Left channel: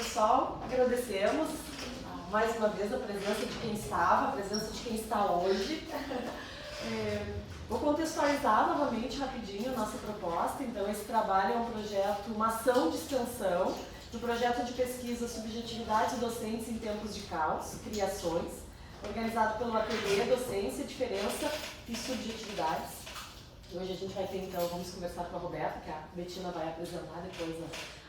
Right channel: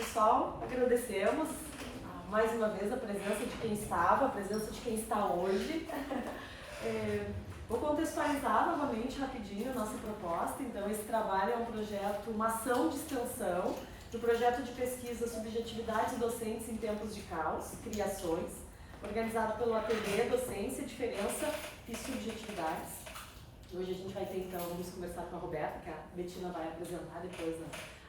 Pessoal, agradecemos mais uma vez a presença de quem estava, a presença de quem está hoje. Vou contextualizar novamente rapidinho a nossa proposta. Então, esse trabalho é um projeto, uma ação de extensão do projeto de pesquisa Subjetividades Docentes em Tempos de Caos, Criações, organizado pelo Ateliê Docência, Diferença e Subjetividades. Hoje a gente vai ter, então, vamos conversar com a Roberta, que a Betina vai apresentar depois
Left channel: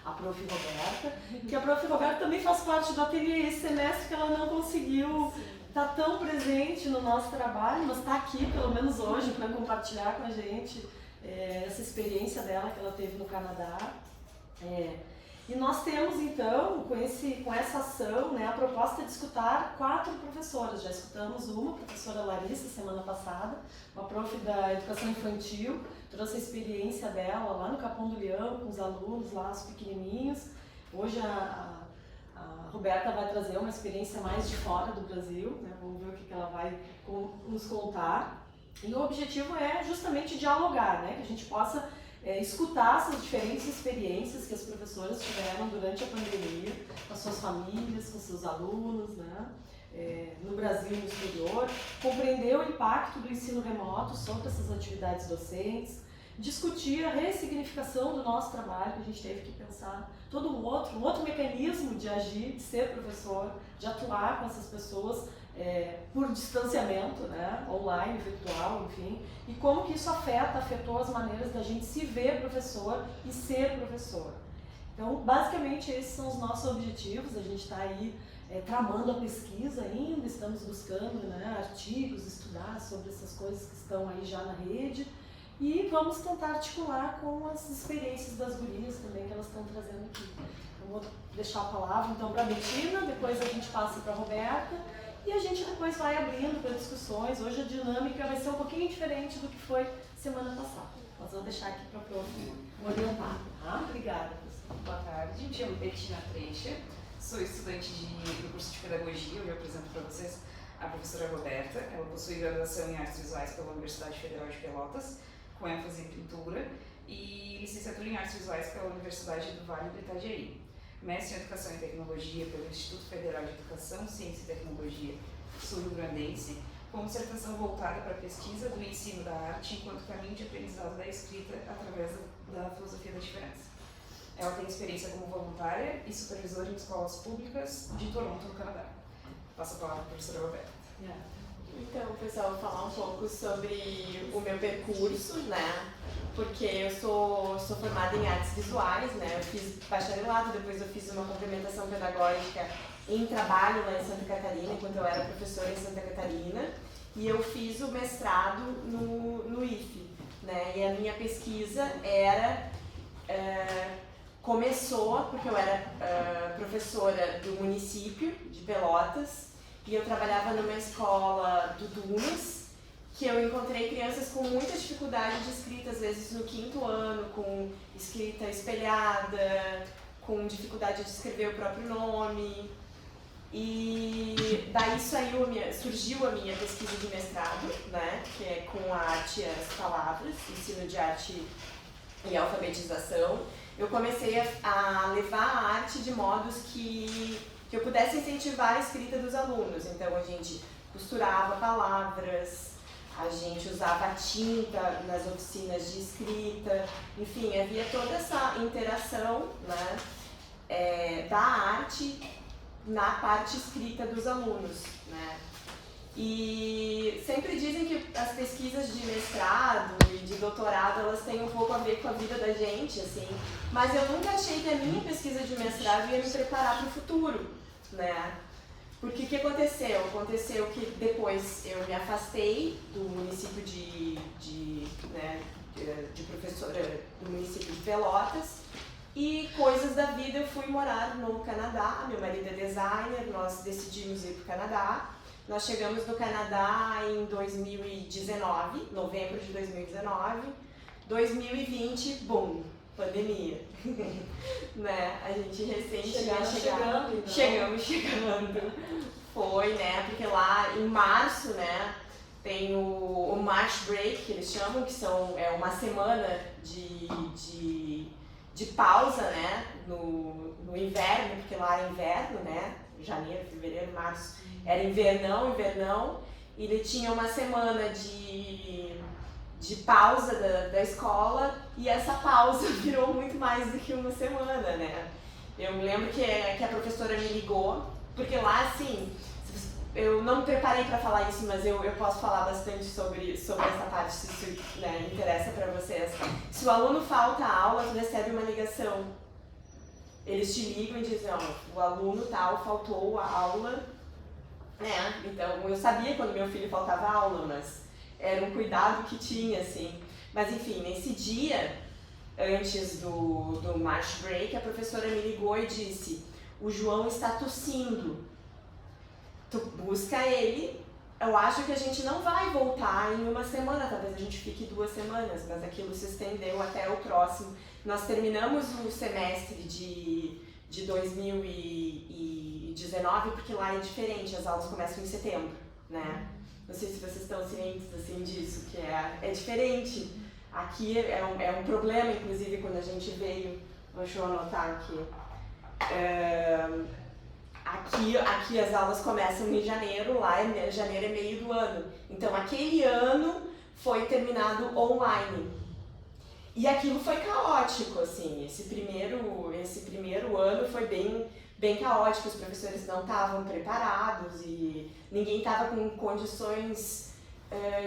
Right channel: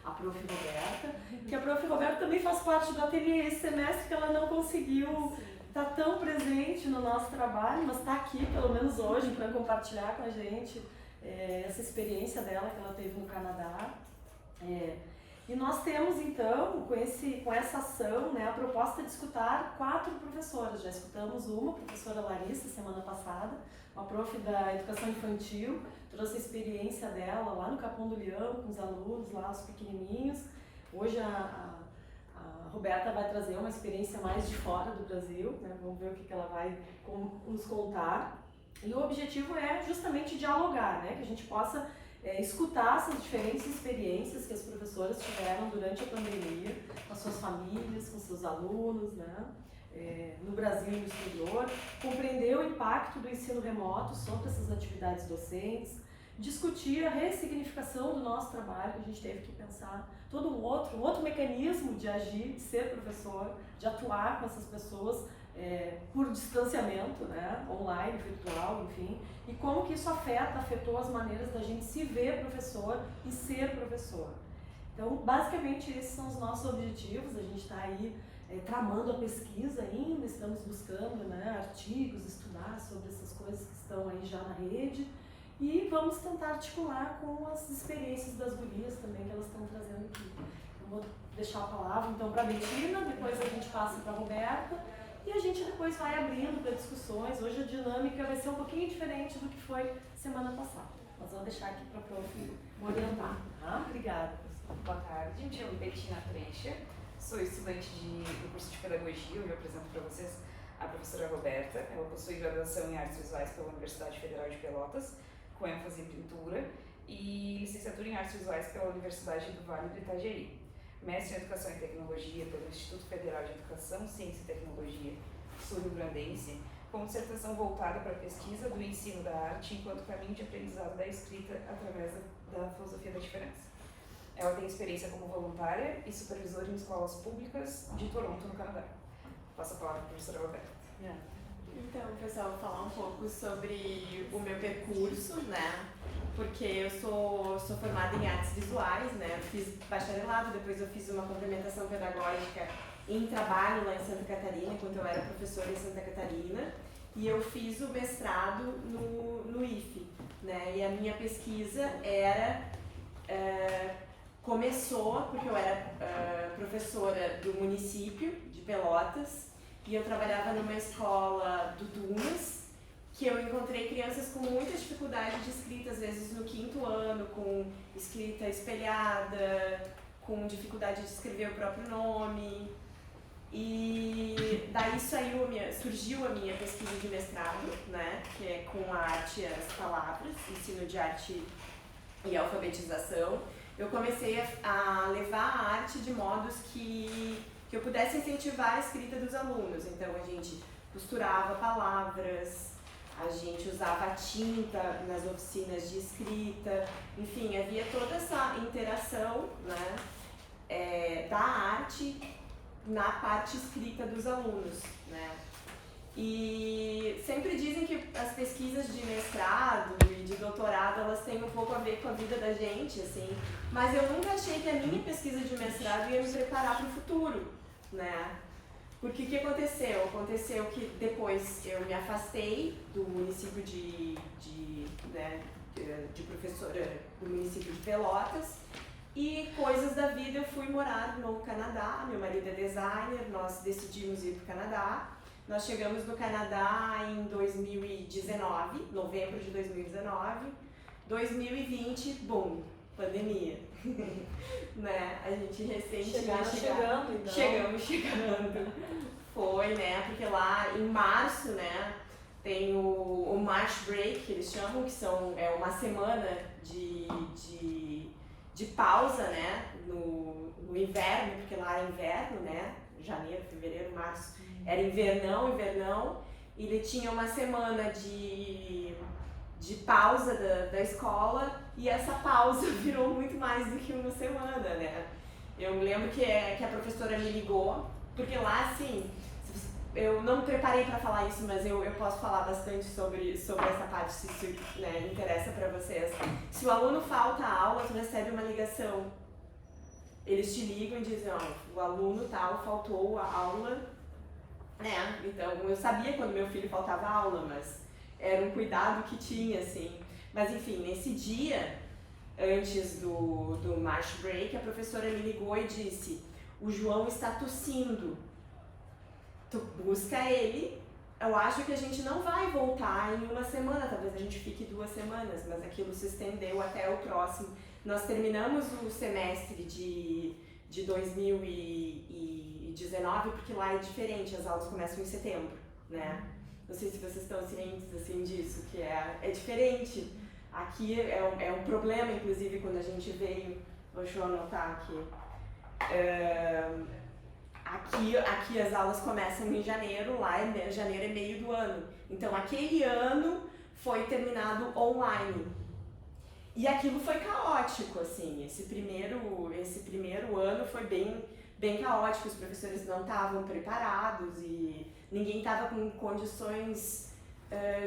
a Prof. Roberta, que a Prof. Roberta também faz parte do ateliê. Esse semestre que ela não conseguiu estar tão presente no nosso trabalho, mas está aqui, pelo menos hoje, para compartilhar com a gente essa experiência dela que ela teve no Canadá. E nós temos, então, com essa ação, né, a proposta de escutar 4 professoras. Já escutamos uma, a professora Larissa, semana passada, uma prof da educação infantil, trouxe a experiência dela lá no Capão do Leão, com os alunos lá, os pequenininhos. Hoje a Roberta vai trazer uma experiência mais de fora do Brasil, né? Vamos ver o que ela vai nos contar. E o objetivo é justamente dialogar, né? Que a gente possa escutar essas diferentes experiências que as professoras tiveram durante a pandemia, com as suas famílias, com seus alunos, né? No Brasil e no exterior, compreender o impacto do ensino remoto sobre essas atividades docentes, discutir a ressignificação do nosso trabalho, que a gente teve que pensar todo um outro mecanismo de agir, de ser professor, de atuar com essas pessoas por distanciamento, né, online, virtual, enfim, e como que isso afetou as maneiras da gente se ver professor e ser professor. Então, basicamente, esses são os nossos objetivos. A gente está aí tramando a pesquisa ainda, estamos buscando, né, artigos, estudar sobre essas coisas que estão aí já na rede, e vamos tentar articular com as experiências das gurias também que elas estão trazendo aqui. Eu vou deixar a palavra então para a Betina, depois a gente passa para a Roberta e a gente depois vai abrindo para discussões. Hoje a dinâmica vai ser um pouquinho diferente do que foi semana passada. Mas vou deixar aqui para a Prof. orientar. Obrigada, professor. Boa tarde, me chamo Betina Treixa, sou estudante do curso de Pedagogia. Hoje eu apresento para vocês a professora Roberta. Ela possui graduação em Artes Visuais pela Universidade Federal de Pelotas, com ênfase em pintura, e licenciatura em Artes Visuais pela Universidade do Vale do Itajaí. Mestre em Educação e Tecnologia pelo Instituto Federal de Educação, Ciência e Tecnologia Sul-Rio-Grandense, com dissertação voltada para a pesquisa do ensino da arte enquanto caminho de aprendizado da escrita através da filosofia da diferença. Ela tem experiência como voluntária e supervisora em escolas públicas de Toronto, no Canadá. Passo a palavra para a professora Roberta. Então, pessoal, vou falar um pouco sobre o meu percurso, né? Porque eu sou formada em artes visuais, né? Eu fiz bacharelado, depois eu fiz uma complementação pedagógica em trabalho lá em Santa Catarina, enquanto eu era professora em Santa Catarina, e eu fiz o mestrado no IFE, né? E a minha pesquisa começou porque eu era professora do município de Pelotas, e eu trabalhava numa escola do Dunas, que eu encontrei crianças com muita dificuldade de escrita, às vezes no 5º ano, com escrita espelhada, com dificuldade de escrever o próprio nome. E daí surgiu a minha pesquisa de mestrado, né, que é com a arte e as palavras, ensino de arte e alfabetização. Eu comecei a levar a arte de modos que eu pudesse incentivar a escrita dos alunos. Então a gente costurava palavras, a gente usava tinta nas oficinas de escrita, enfim, havia toda essa interação, né, da arte na parte escrita dos alunos, né. E sempre dizem que as pesquisas de mestrado e de doutorado, elas têm um pouco a ver com a vida da gente, assim, mas eu nunca achei que a minha pesquisa de mestrado ia me preparar para o futuro, né? Porque o que aconteceu? Aconteceu que depois eu me afastei do município de professora do município de Pelotas, e coisas da vida eu fui morar no Canadá. Meu marido é designer, nós decidimos ir para o Canadá. Nós chegamos no Canadá em 2019, novembro de 2019. 2020, boom, pandemia. Né? A gente recém tinha chegado. Então. Chegando. Foi, né? Porque lá em março, né, tem o March Break, que eles chamam, que é uma semana de pausa, né, no inverno, porque lá é inverno, né? Janeiro, fevereiro, março, era invernão, e ele tinha uma semana de pausa da escola, e essa pausa virou muito mais do que uma semana, né? Eu me lembro que a professora me ligou, porque lá, assim, eu não me preparei para falar isso, mas eu posso falar bastante sobre essa parte, se isso, né, interessa para vocês. Se o aluno falta a aula, tu recebe uma ligação. Eles te ligam e dizem, ó, o aluno tal faltou a aula, né? Então, eu sabia quando meu filho faltava a aula, mas era um cuidado que tinha, assim. Mas, enfim, nesse dia, antes do March Break, a professora me ligou e disse, o João está tossindo. Tu busca ele, eu acho que a gente não vai voltar em uma semana, talvez a gente fique 2 semanas, mas aquilo se estendeu até o próximo. Nós terminamos o semestre de 2019, porque lá é diferente, as aulas começam em setembro, né? Não sei se vocês estão cientes assim, disso, que é diferente. Aqui é um problema, inclusive, quando a gente veio, deixa eu anotar aqui. Aqui as aulas começam em janeiro, lá janeiro é meio do ano. Então aquele ano foi terminado online. E aquilo foi caótico, assim, esse primeiro ano foi bem caótico, os professores não estavam preparados e ninguém estava com condições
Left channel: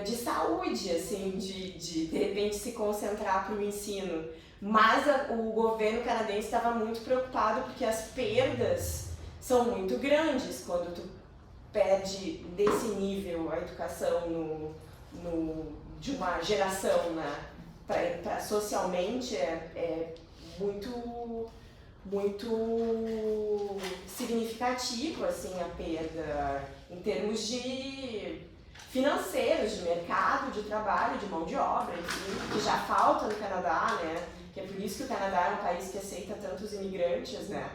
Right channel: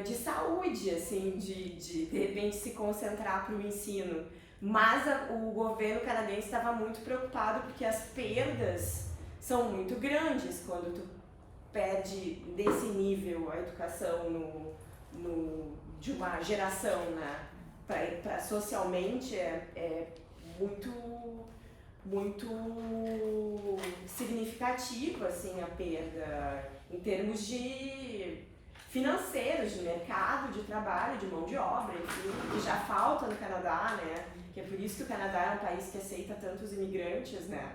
de saúde, assim, de repente se concentrar para o ensino. Mas o governo canadense estava muito preocupado porque as perdas são muito grandes quando tu perde desse nível a educação de uma geração, né? Para socialmente é muito significativo, assim, a perda em termos de financeiros, de mercado, de trabalho, de mão de obra, enfim, que já falta no Canadá, né? Que é por isso que o Canadá é um país que aceita tantos imigrantes, né?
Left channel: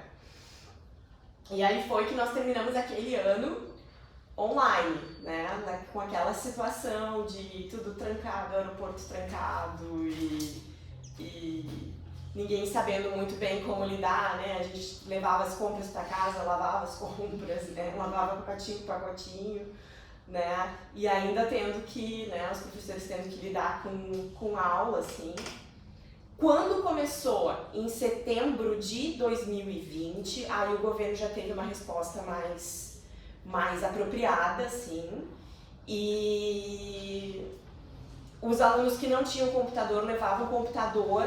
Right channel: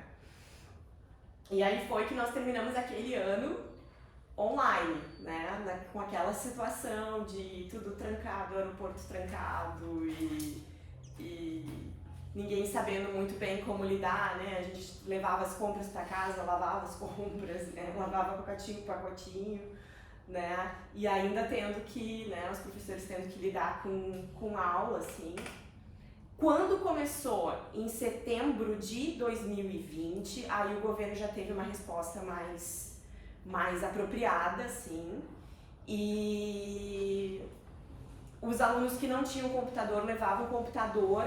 E aí foi que nós terminamos aquele ano online, né? Com aquela situação de tudo trancado, aeroporto trancado e ninguém sabendo muito bem como lidar, né? A gente levava as compras para casa, lavava as compras, né? Lavava pacotinho por pacotinho, né? E ainda tendo que, né? Os professores tendo que lidar com aula, assim. Quando começou em setembro de 2020, aí o governo já teve uma resposta mais apropriada, assim, e os alunos que não tinham computador levavam o computador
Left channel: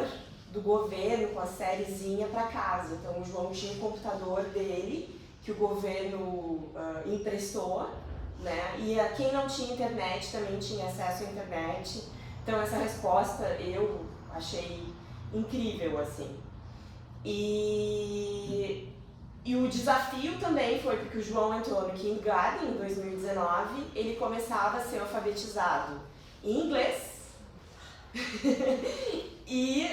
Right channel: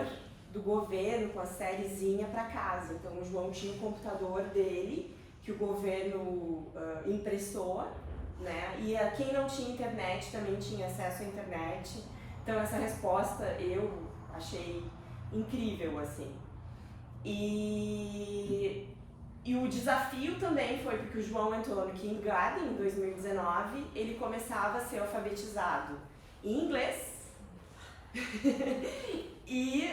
do governo com a sériezinha para casa. Então o João tinha o computador dele, que o governo emprestou, né? E quem não tinha internet também tinha acesso à internet. Então essa resposta eu achei incrível, assim. E o desafio também foi porque o João entrou no kindergarten em 2019, ele começava a ser alfabetizado em inglês e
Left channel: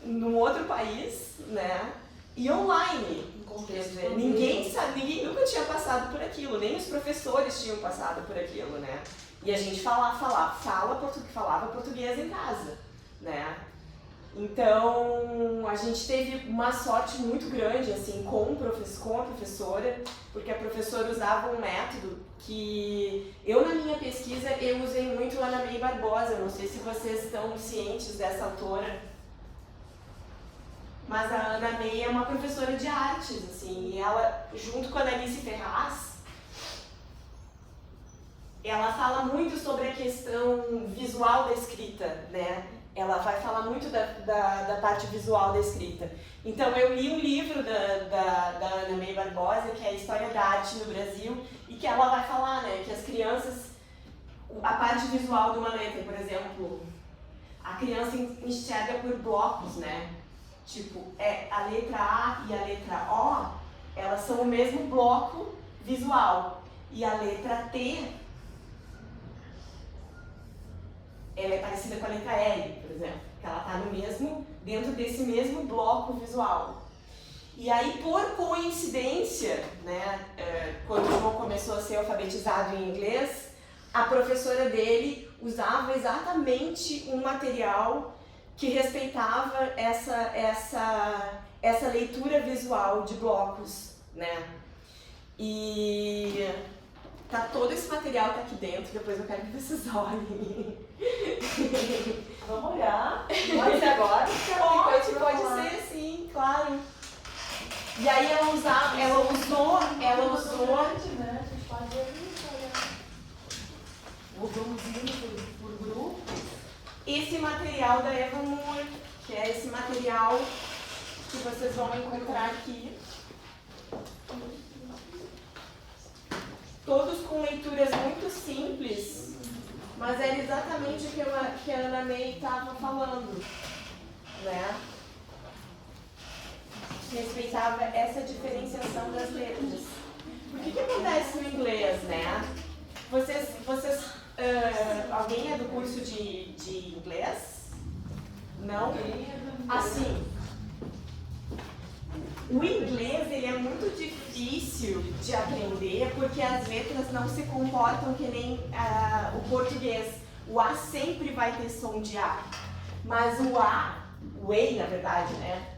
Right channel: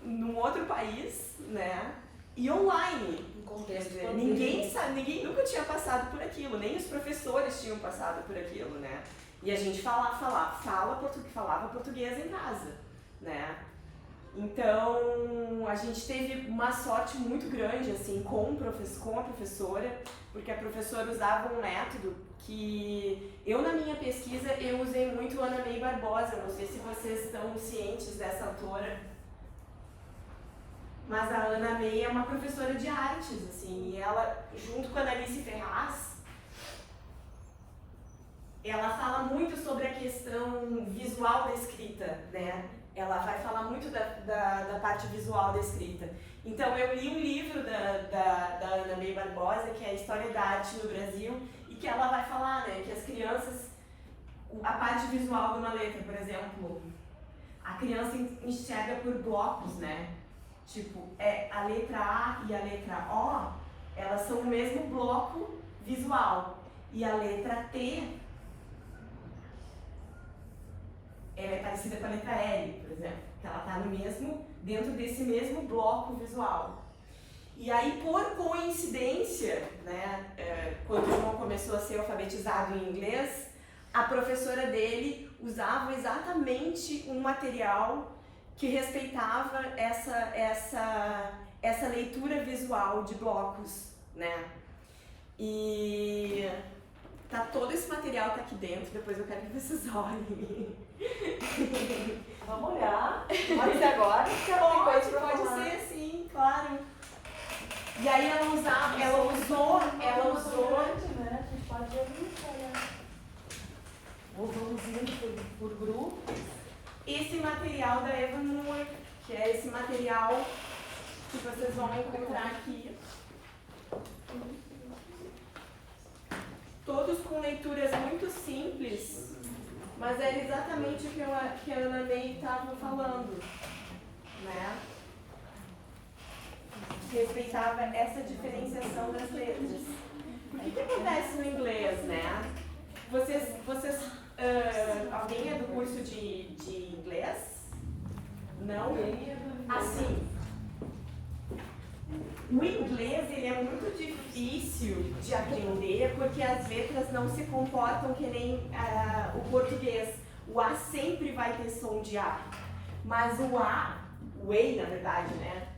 num outro país, né? E online. Quer dizer, ninguém nunca tinha passado por aquilo, nem os professores tinham passado por aquilo, né? E a gente falava português em casa, né? Então, a gente teve uma sorte muito grande, assim, com a professora, porque a professora usava um método que eu, na minha pesquisa, eu usei muito a Ana May Barbosa. Eu não sei se vocês estão cientes dessa autora, mas a Ana May é uma professora de artes, assim, e ela, junto com a Alice Ferraz, ela fala muito sobre a questão visual da escrita, né? Ela vai falar muito da parte visual da escrita. Então, eu li um livro da Ana May Barbosa, que é a História da Arte no Brasil, e que ela vai falar, né, que as crianças, a parte visual de uma letra, por exemplo, a criança enxerga por blocos, né? Tipo, a letra A e a letra O, elas são o mesmo bloco visual. E a letra T, ela é parecida com a letra L, por exemplo, que ela está dentro desse mesmo bloco visual. E aí, por coincidência, né, quando o João começou a ser alfabetizado em inglês, a professora dele usava exatamente um material que respeitava essa leitura visual de blocos, né? E tá, todo esse material tá aqui dentro, depois eu quero que vocês olhem. Vamos olhar. Pode ser agora? Pode ser sim, claro. E aí ela usou. Né? A gente pode ir. Ou vamos indo por grupo. Esse material da Eva Moore, que é esse material que vocês vão encontrar aqui. Todos com leituras muito simples, mas era exatamente o que a Ana Ney estava falando, né? Respeitava essa diferenciação das letras. O que acontece no inglês, né? Alguém é do curso de inglês? Não? Assim, o inglês ele é muito difícil de aprender porque as letras não se comportam que nem o português. O A sempre vai ter som de A, mas o A na verdade, né?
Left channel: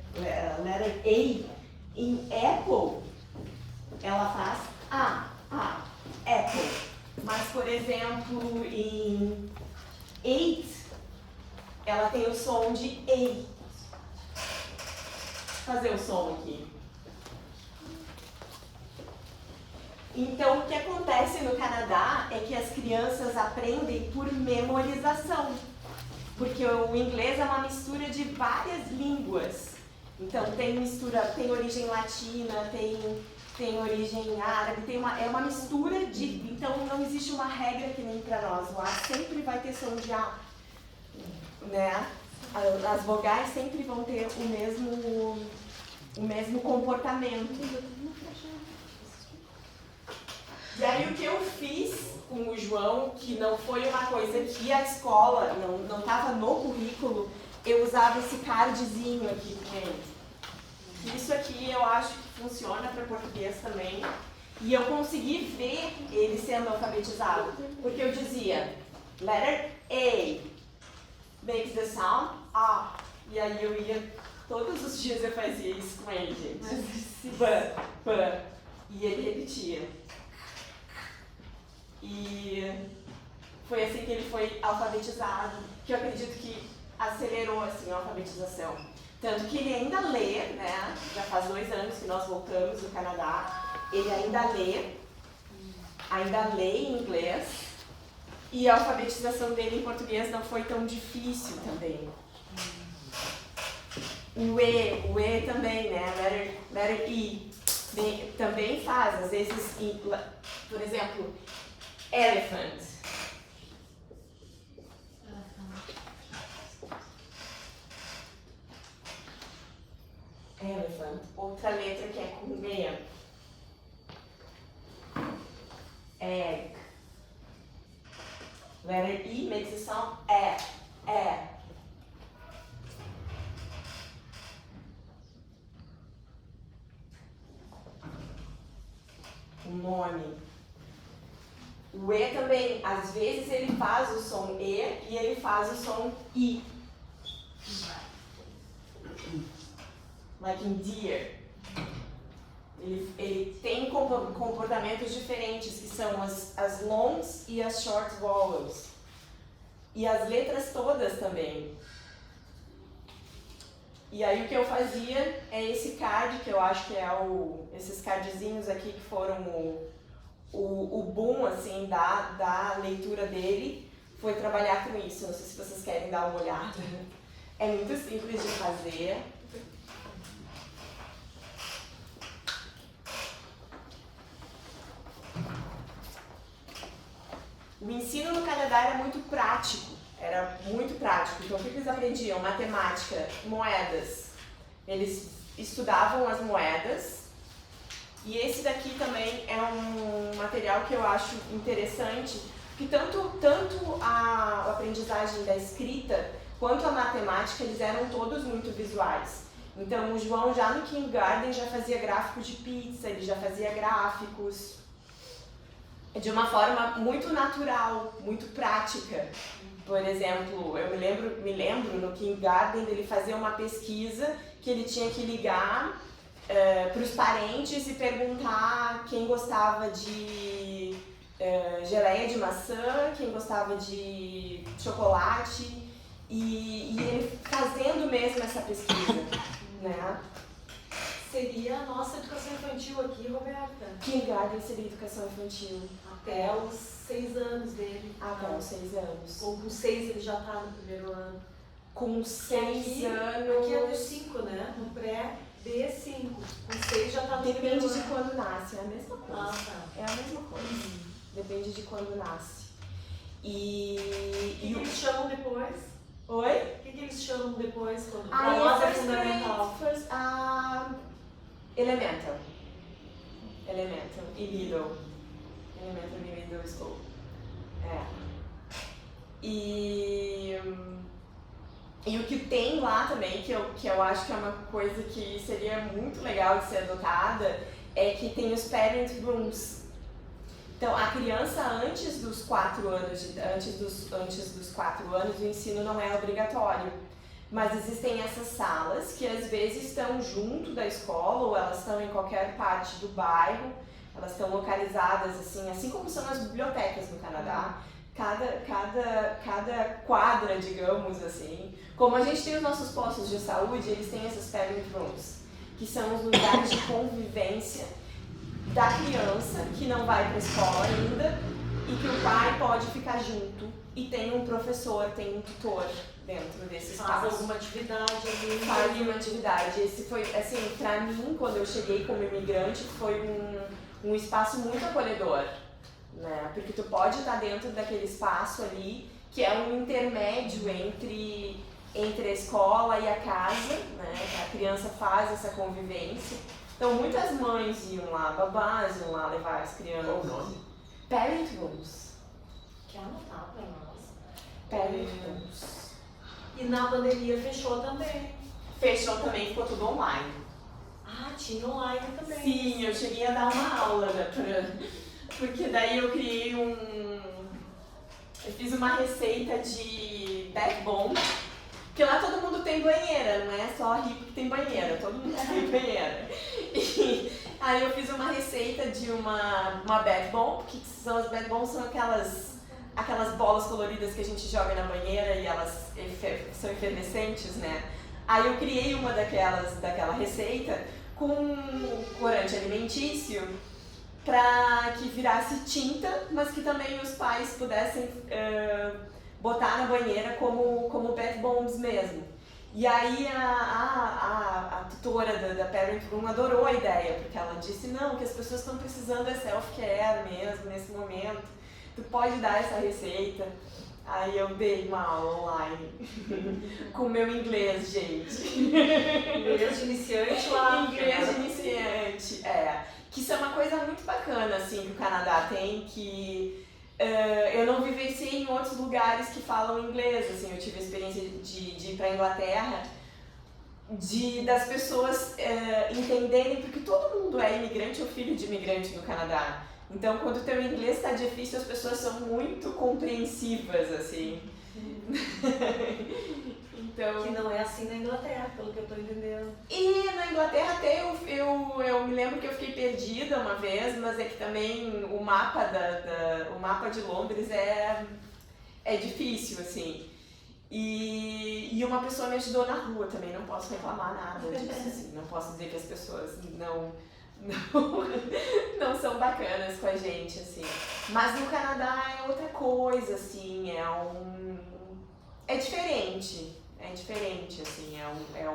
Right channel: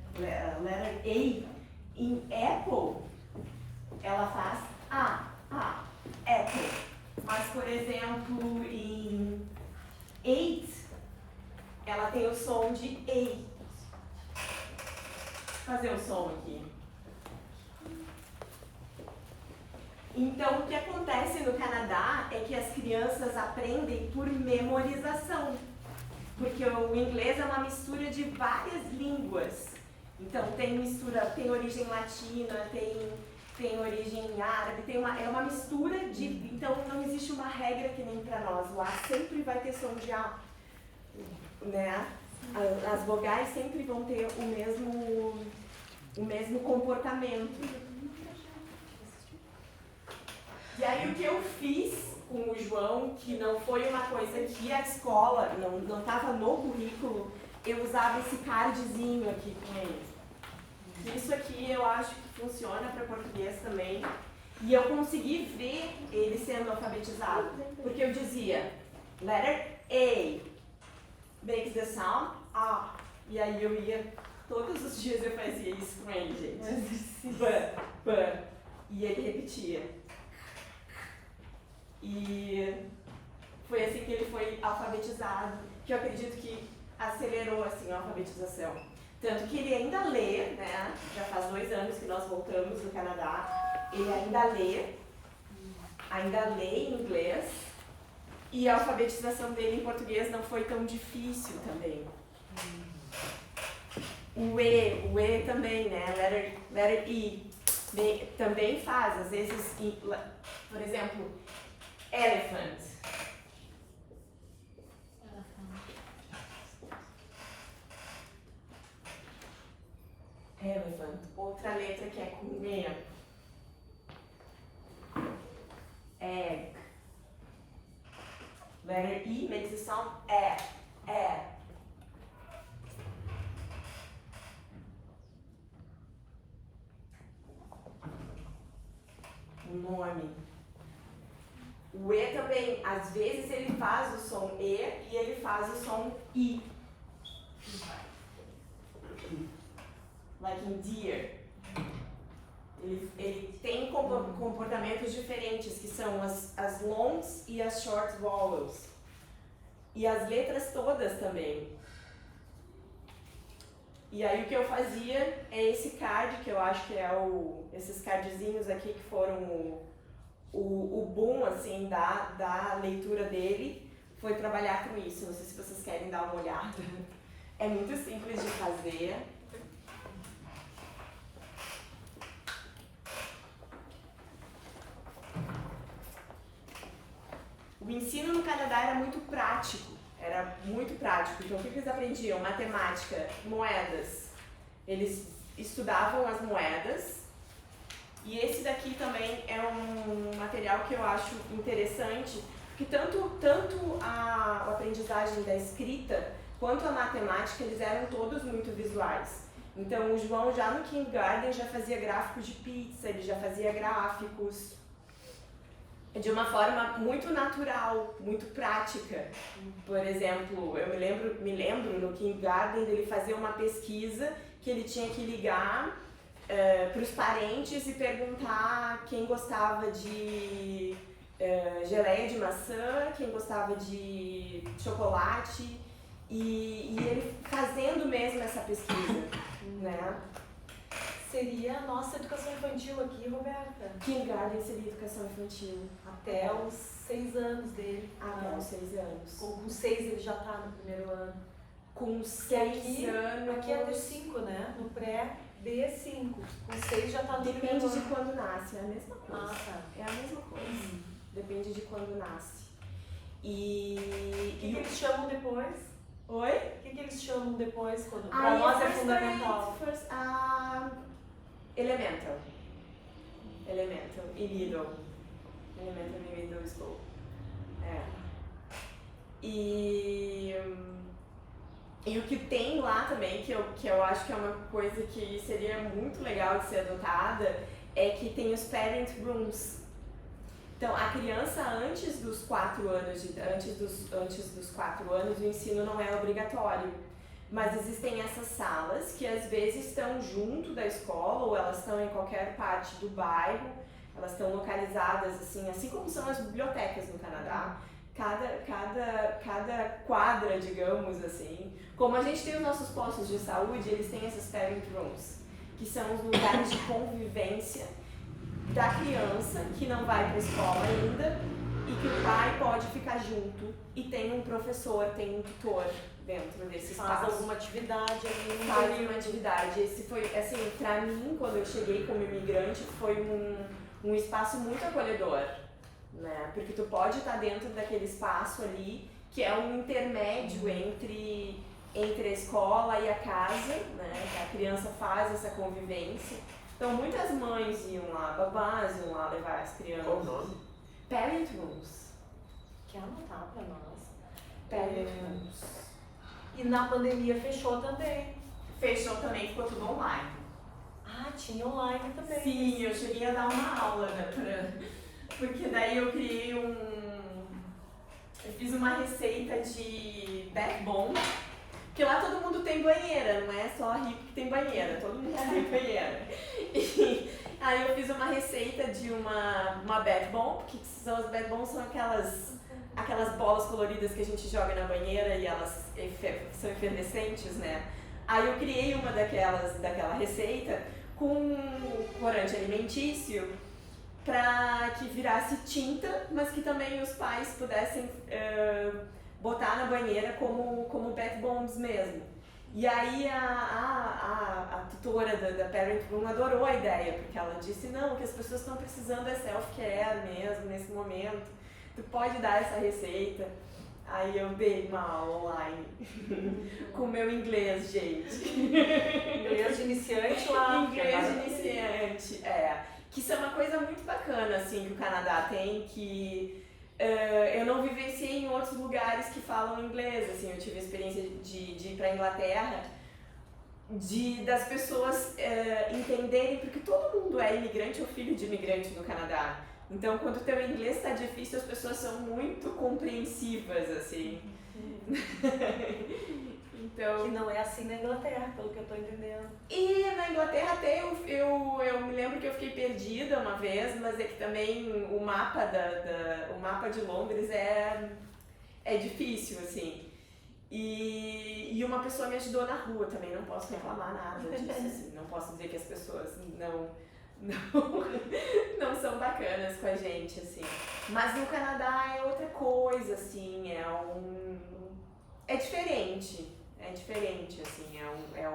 Letter A, em Apple, ela faz Apple. Mas, por exemplo, em 8, ela tem o som de A. Fazer o som aqui. Então, o que acontece no Canadá é que as crianças aprendem por memorização, porque o inglês é uma mistura de várias línguas. Então, tem origem latina, tem origem árabe, é uma mistura de... Então, não existe uma regra que nem para nós. O A sempre vai ter som de A, né? As vogais sempre vão ter o mesmo comportamento. E aí o que eu fiz com o João, que não foi uma coisa que a escola, não estava no currículo, eu usava esse cardzinho aqui com ele. Isso aqui eu acho que funciona para português também. E eu consegui ver ele sendo alfabetizado. Porque eu dizia, letter A makes the sound A. E aí eu ia, todos os dias eu fazia isso com ele, gente. B. E ele repetia. E foi assim que ele foi alfabetizado, que eu acredito que acelerou assim, a alfabetização. Tanto que ele ainda lê, né? Já faz 2 anos que nós voltamos no Canadá. Ele ainda lê em inglês. E a alfabetização dele em português não foi tão difícil também. O E também, né? Letter E. Também faz, às vezes, por exemplo, elephant. Elephant. Outra letra que é com E. Egg. Letter E makes the sound E. O nome. O E também, às vezes ele faz o som E e ele faz o som I. Like in deer. Ele tem comportamentos diferentes, que são as longs e as short vowels. E as letras todas também. E aí o que eu fazia é esse card, que eu acho que é esses cardzinhos aqui que foram o boom assim, da leitura dele, foi trabalhar com isso. Não sei se vocês querem dar uma olhada. É muito simples de fazer. O ensino no Canadá era muito prático. Então, o que eles aprendiam? Matemática, moedas. Eles estudavam as moedas. E esse daqui também é um material que eu acho interessante, porque tanto a aprendizagem da escrita quanto a matemática, eles eram todos muito visuais. Então, o João já no kindergarten já fazia gráfico de pizza, ele já fazia gráficos. de uma forma muito natural, muito prática. Por exemplo, eu me lembro no kindergarten dele fazer uma pesquisa que ele tinha que ligar para os parentes e perguntar quem gostava de geleia de maçã, quem gostava de chocolate, e ele fazendo mesmo essa pesquisa, né? Seria a nossa educação infantil aqui, Roberta. Kindergarten seria educação infantil. Até os 6 anos dele. Até os 6 anos. Ou com 6 ele já está no primeiro ano. Com 6 anos... Aqui é dos 5, né? No pré, D5. Com 6 já está no primeiro Depende ano. de quando nasce, é a mesma coisa. Ah, tá. É a mesma coisa. Depende de quando nasce. O que eles chamam depois? Oi? O que eles chamam depois? Quando Aí a nossa é first fundamental. grade, elemental. Elemental e middle. Elemental e middle school. É. E o que tem lá também, que eu acho que é uma coisa que seria muito legal de ser adotada, é que tem os parent rooms. Então, a criança antes dos 4 anos, antes dos 4 anos, o ensino não é obrigatório. Mas existem essas salas que às vezes estão junto da escola ou elas estão em qualquer parte do bairro. Elas estão localizadas assim como são as bibliotecas no Canadá. Cada quadra, digamos assim. Como a gente tem os nossos postos de saúde, eles têm esses parent rooms, que são os lugares de convivência da criança que não vai para a escola ainda e que o pai pode ficar junto e tem um professor, tem um tutor dentro desse espaço. Faz alguma atividade ali. Faz uma atividade. Esse foi, assim, pra mim, quando eu cheguei como imigrante, foi um espaço muito acolhedor, né? Porque tu pode estar dentro daquele espaço ali, que é um intermédio entre a escola e a casa, né? A criança faz essa convivência. Então, muitas mães iam lá, babás iam lá levar as crianças. Qual o nome? Parent rooms. Quer anotar pra nós? Parent rooms. E na pandemia fechou também. Fechou também, ficou tudo online. Ah, tinha online também. Sim, eu cheguei a dar uma aula, né, porque daí eu criei eu fiz uma receita de backbone, porque lá todo mundo tem banheira, não é só rico que tem banheira, todo mundo tem banheira. E aí eu fiz uma receita de uma backbone, que são as backbones, são aquelas bolas coloridas que a gente joga na banheira e elas são efervescentes, né? Aí eu criei uma daquela receita com corante alimentício para que virasse tinta, mas que também os pais pudessem botar na banheira como bath bombs mesmo. E aí a tutora da Parent Room adorou a ideia, porque ela disse, não, o que as pessoas estão precisando é self-care mesmo, nesse momento. Tu pode dar essa receita. Aí eu dei uma aula online com o meu inglês, gente. Inglês de iniciante lá. Inglês de iniciante, Que isso é uma coisa muito bacana, assim, que o Canadá tem, que eu não vivenciei em outros lugares que falam inglês, assim. Eu tive a experiência de ir pra Inglaterra, das pessoas entenderem, porque todo mundo é imigrante ou filho de imigrante no Canadá. Então, quando o teu inglês está difícil, as pessoas são muito compreensivas, assim. Então... Que não é assim na Inglaterra, pelo que eu estou entendendo. E na Inglaterra até eu me lembro que eu fiquei perdida uma vez, mas é que também o mapa o mapa de Londres é difícil, assim. E uma pessoa me ajudou na rua também, não posso reclamar nada disso, assim. Não posso dizer que as pessoas não são bacanas com a gente, assim. Mas no Canadá é outra coisa, assim, é diferente, assim, é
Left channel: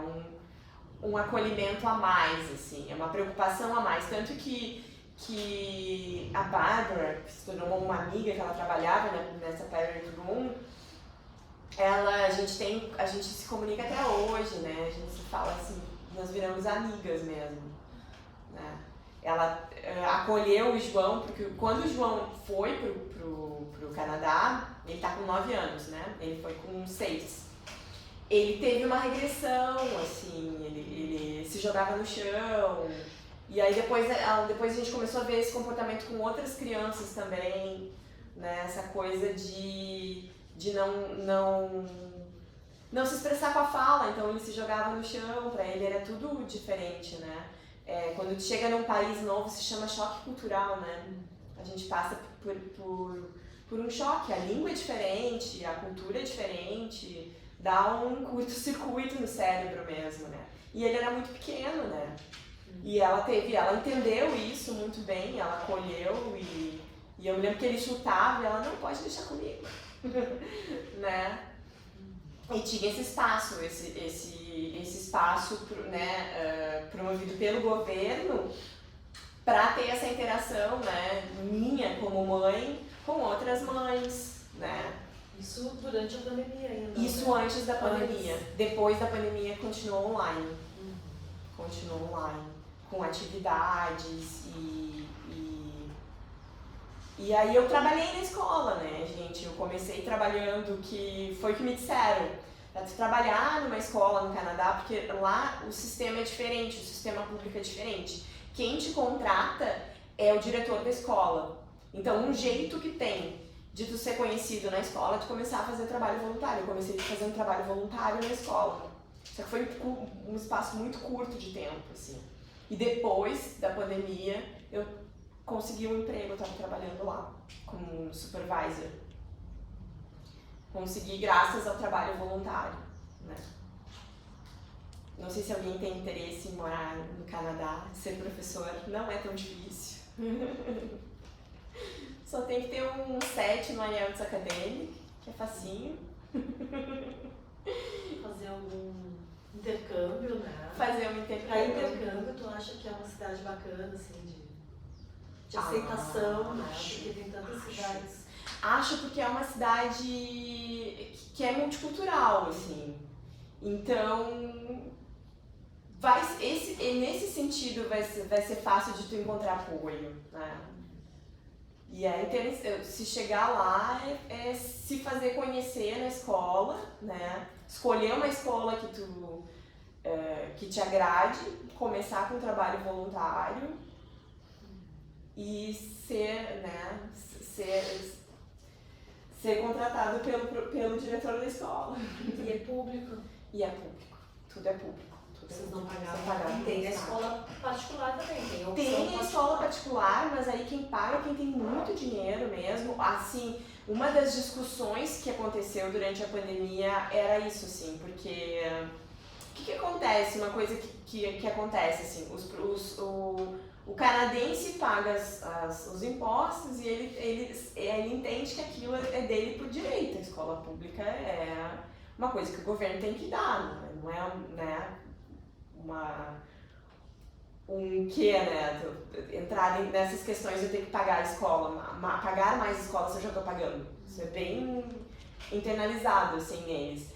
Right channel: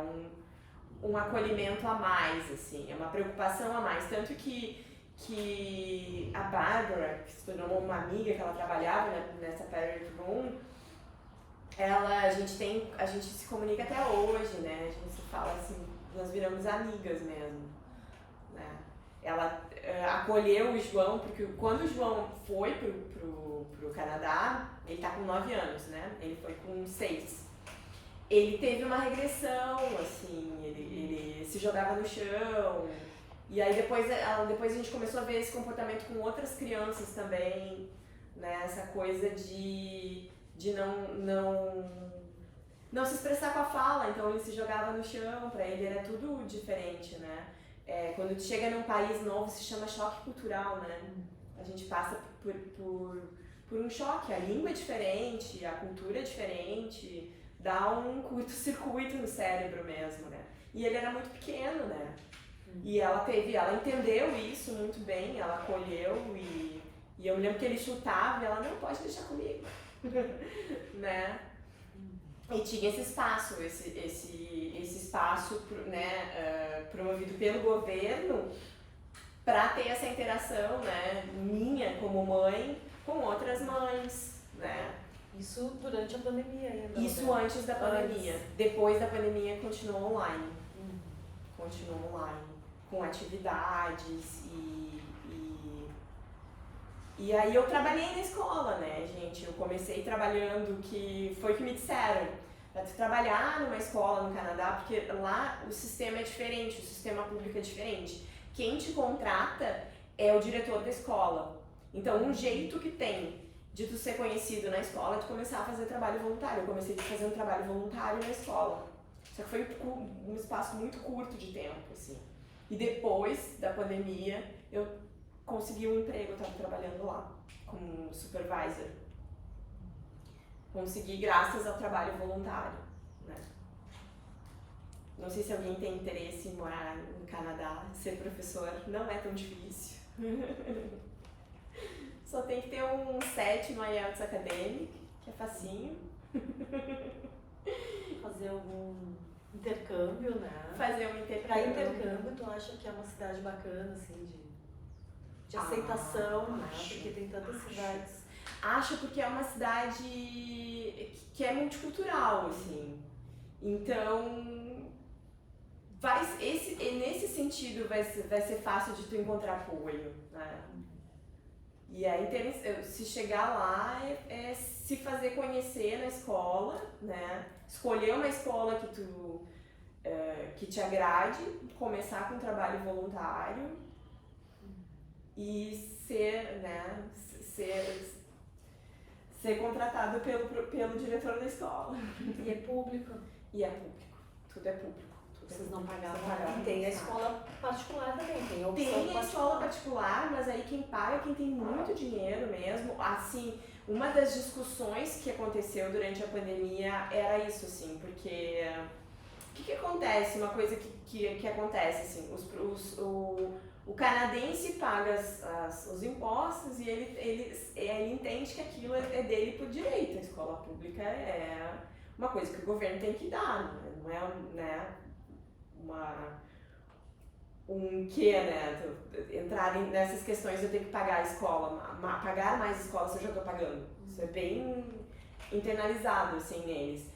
um acolhimento a mais, assim, é uma preocupação a mais, tanto que a Bárbara, que se tornou uma amiga, que ela trabalhava nessa Parent Room, a gente se comunica até hoje, né, a gente se fala assim, nós viramos amigas mesmo. Né? Ela acolheu o João, porque quando o João foi pro Canadá, ele tá com 9 anos, né? Ele foi com 6. Ele teve uma regressão, assim, ele se jogava no chão, E aí depois a gente começou a ver esse comportamento com outras crianças também, né? Essa coisa de não se expressar com a fala, então ele se jogava no chão, para ele era tudo diferente, né? Quando chega num país novo se chama choque cultural, né? A gente passa por um choque, a língua é diferente, a cultura é diferente, dá um curto-circuito no cérebro mesmo, né? E ele era muito pequeno, né? E ela entendeu isso muito bem, ela acolheu e eu me lembro que ele chutava e ela, não, pode deixar comigo, né? E tinha esse espaço, esse espaço, né, promovido pelo governo para ter essa interação, né, minha como mãe com outras mães, né? Isso durante a pandemia ainda. Isso antes da pandemia. Depois da pandemia continuou online. Continuou online, com atividades e aí eu trabalhei na escola, né, gente? Eu comecei trabalhando, que foi o que me disseram, para trabalhar numa escola no Canadá, porque lá o sistema é diferente, o sistema público é diferente. Quem te contrata é o diretor da escola. Então, um jeito que tem de tu ser conhecido na escola é tu começar a fazer trabalho voluntário. Eu comecei fazendo trabalho voluntário na escola. Só que foi um espaço muito curto de tempo, assim. E depois da pandemia, eu consegui um emprego, eu estava trabalhando lá como supervisor. Consegui graças ao trabalho voluntário, né? Não sei se alguém tem interesse em morar no Canadá, ser professor, não é tão difícil. Só tem que ter um 7 no IELTS Academic, que é facinho. Fazer algum intercâmbio, né? Fazer um intercâmbio. Para intercâmbio, tu acha que é uma cidade bacana, assim, de aceitação, né? Porque tem tantas cidades. Acho porque é uma cidade que é multicultural, assim. Então, nesse sentido vai ser fácil de tu encontrar apoio, né? E aí, se chegar lá, é se fazer conhecer na escola, né? Escolher uma escola que te agrade, começar com um trabalho voluntário e ser contratado pelo diretor da escola. E é público. E é público. Tudo é público. Vocês não pagavam. Tem a escola particular também. Tem a escola particular, mas aí quem paga é quem tem muito dinheiro mesmo. Assim, uma das discussões que aconteceu durante a pandemia era isso, assim, porque o que acontece? Uma coisa que acontece, assim, o canadense paga os impostos e ele entende que aquilo é dele por direito. A escola pública é uma coisa que o governo tem que dar, não é, né, entrar nessas questões de eu ter que pagar a escola, pagar mais escola se eu já estou pagando. Isso é bem internalizado, assim, neles.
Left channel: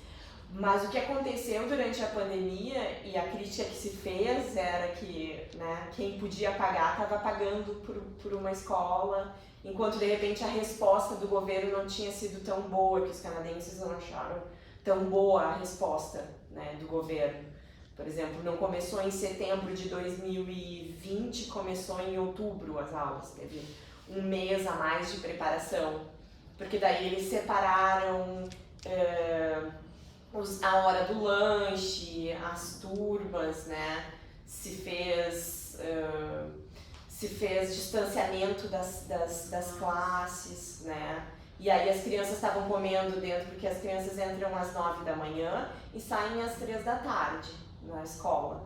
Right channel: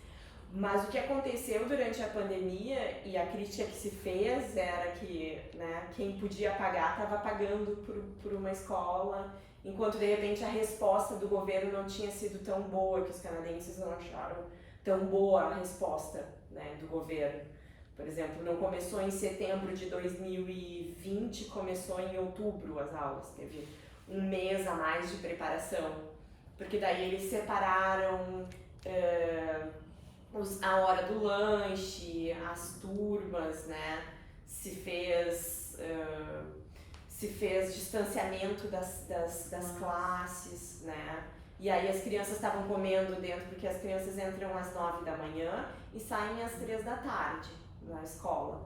Mas o que aconteceu durante a pandemia e a crítica que se fez era que, né, quem podia pagar estava pagando por uma escola, enquanto de repente a resposta do governo não tinha sido tão boa, que os canadenses não acharam tão boa a resposta, né, do governo. Por exemplo, não começou em setembro de 2020, começou em outubro as aulas, teve um mês a mais de preparação, porque daí eles separaram a hora do lanche, as turmas, né? Se fez distanciamento das classes, né? E aí as crianças estavam comendo dentro, porque as crianças entram às 9 da manhã e saem às 3 da tarde na escola.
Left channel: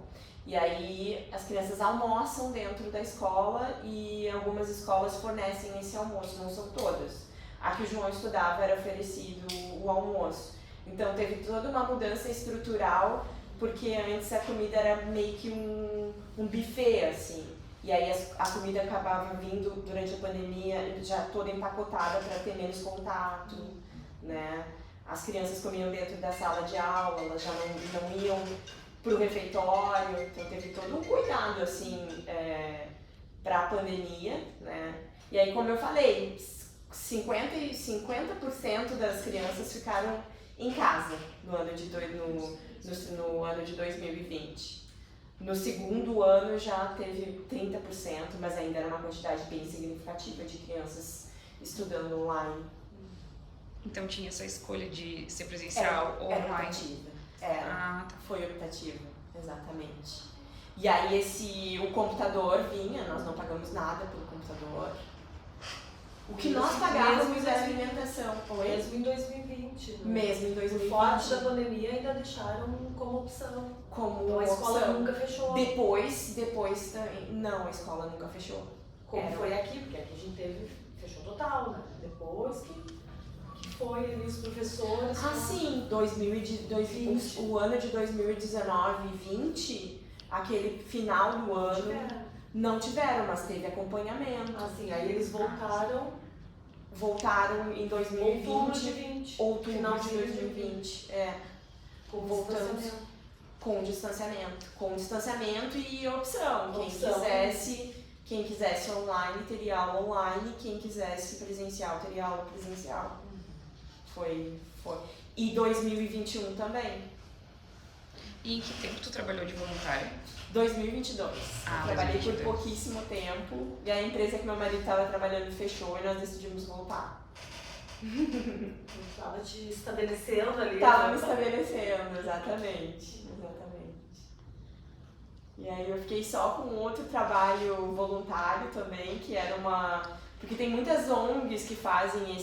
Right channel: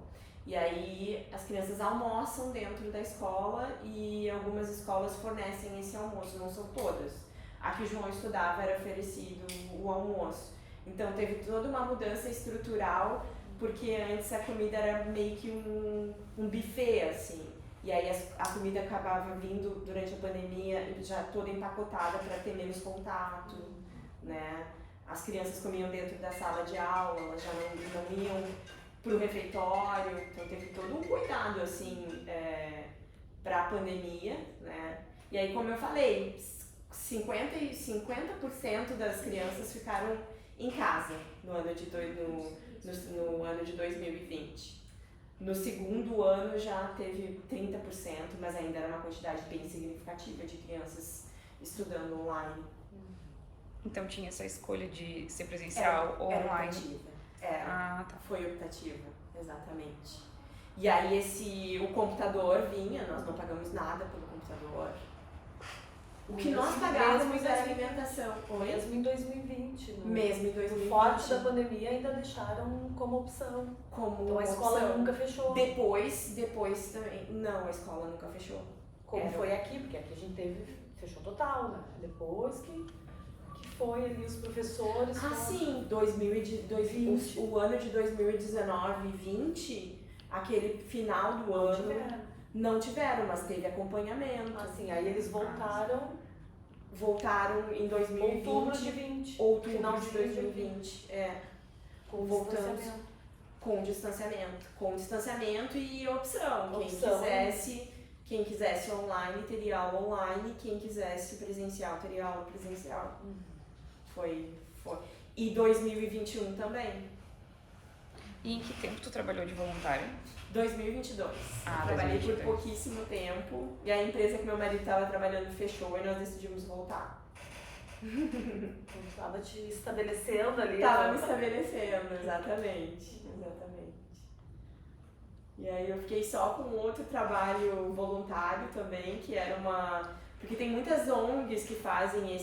E aí as crianças almoçam dentro da escola e algumas escolas fornecem esse almoço, não são todas. A que o João estudava era oferecido o almoço. Então teve toda uma mudança estrutural, porque antes a comida era meio que um buffet, assim. E aí a comida acabava vindo durante a pandemia já toda empacotada para ter menos contato, né? As crianças comiam dentro da sala de aula, elas já não iam para o refeitório, então teve todo um cuidado, assim, para a pandemia, né? E aí, como eu falei, 50% das crianças ficaram em casa no ano de 2020. No segundo ano já teve 30%, mas ainda era uma quantidade bem significativa de crianças estudando online. Então tinha essa escolha de ser presencial ou Era online? optativa. Era. Ah, tá. Foi optativa, exatamente. E aí o computador vinha, nós não pagamos nada pelo computador. O que nós pagávamos era alimentação. Mesmo em 2020. Mesmo em 2020. No forte da pandemia ainda deixaram como opção. Como Então a escola opção. nunca fechou. Depois também. Não, a escola nunca fechou. Como foi aqui, porque aqui a gente teve, fechou total, né? Depois que foi ali os professores. Ah, sim, 2020, o ano de 2019 e 20, aquele final do ano, não tiveram, mas teve acompanhamento. Assim, aí eles voltaram em 2020, outubro final de 2020, voltamos com distanciamento e opção. Quem quisesse online teria aula online, quem quisesse presencial teria aula presencial. Foi. E 2021 também. E em que tempo tu trabalhou de voluntário? 2022. Trabalhei 2022. por pouquíssimo tempo e a empresa que meu marido estava trabalhando fechou e nós decidimos voltar. Estava te estabelecendo ali. Estava me estabelecendo, exatamente. E aí eu fiquei só com outro trabalho voluntário também, que era porque tem muitas ONGs que fazem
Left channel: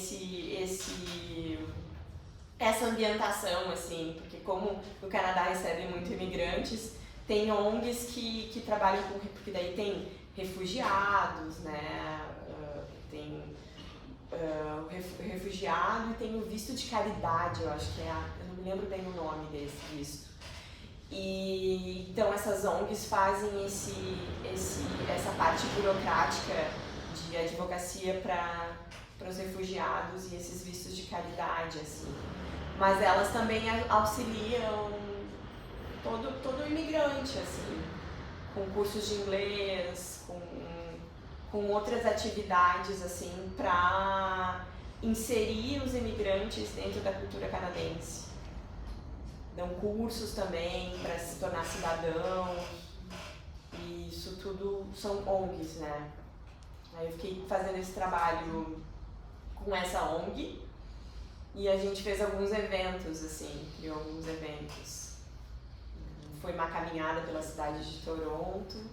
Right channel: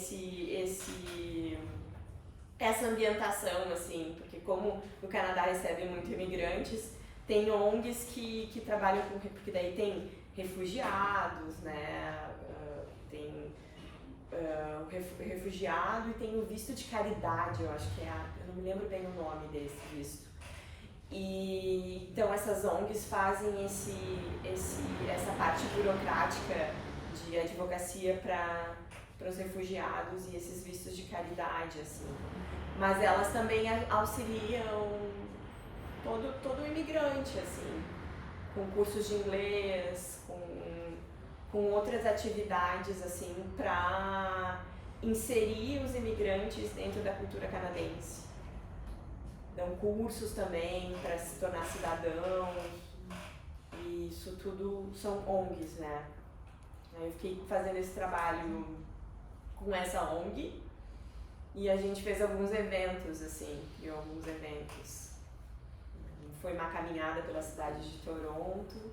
essa ambientação, assim, porque como o Canadá recebe muito imigrantes, tem ONGs que trabalham porque daí tem refugiados, né, tem refugiado e tem o visto de caridade, eu acho que eu não me lembro bem o nome desse visto. E então essas ONGs fazem essa parte burocrática de advocacia para os refugiados e esses vistos de caridade, assim. Mas elas também auxiliam todo imigrante, assim, com cursos de inglês, com outras atividades, assim, para inserir os imigrantes dentro da cultura canadense. Dão cursos também para se tornar cidadão, e isso tudo são ONGs, né? Aí eu fiquei fazendo esse trabalho com essa ONG e a gente fez alguns eventos, assim, criou alguns eventos. Foi uma caminhada pela cidade de Toronto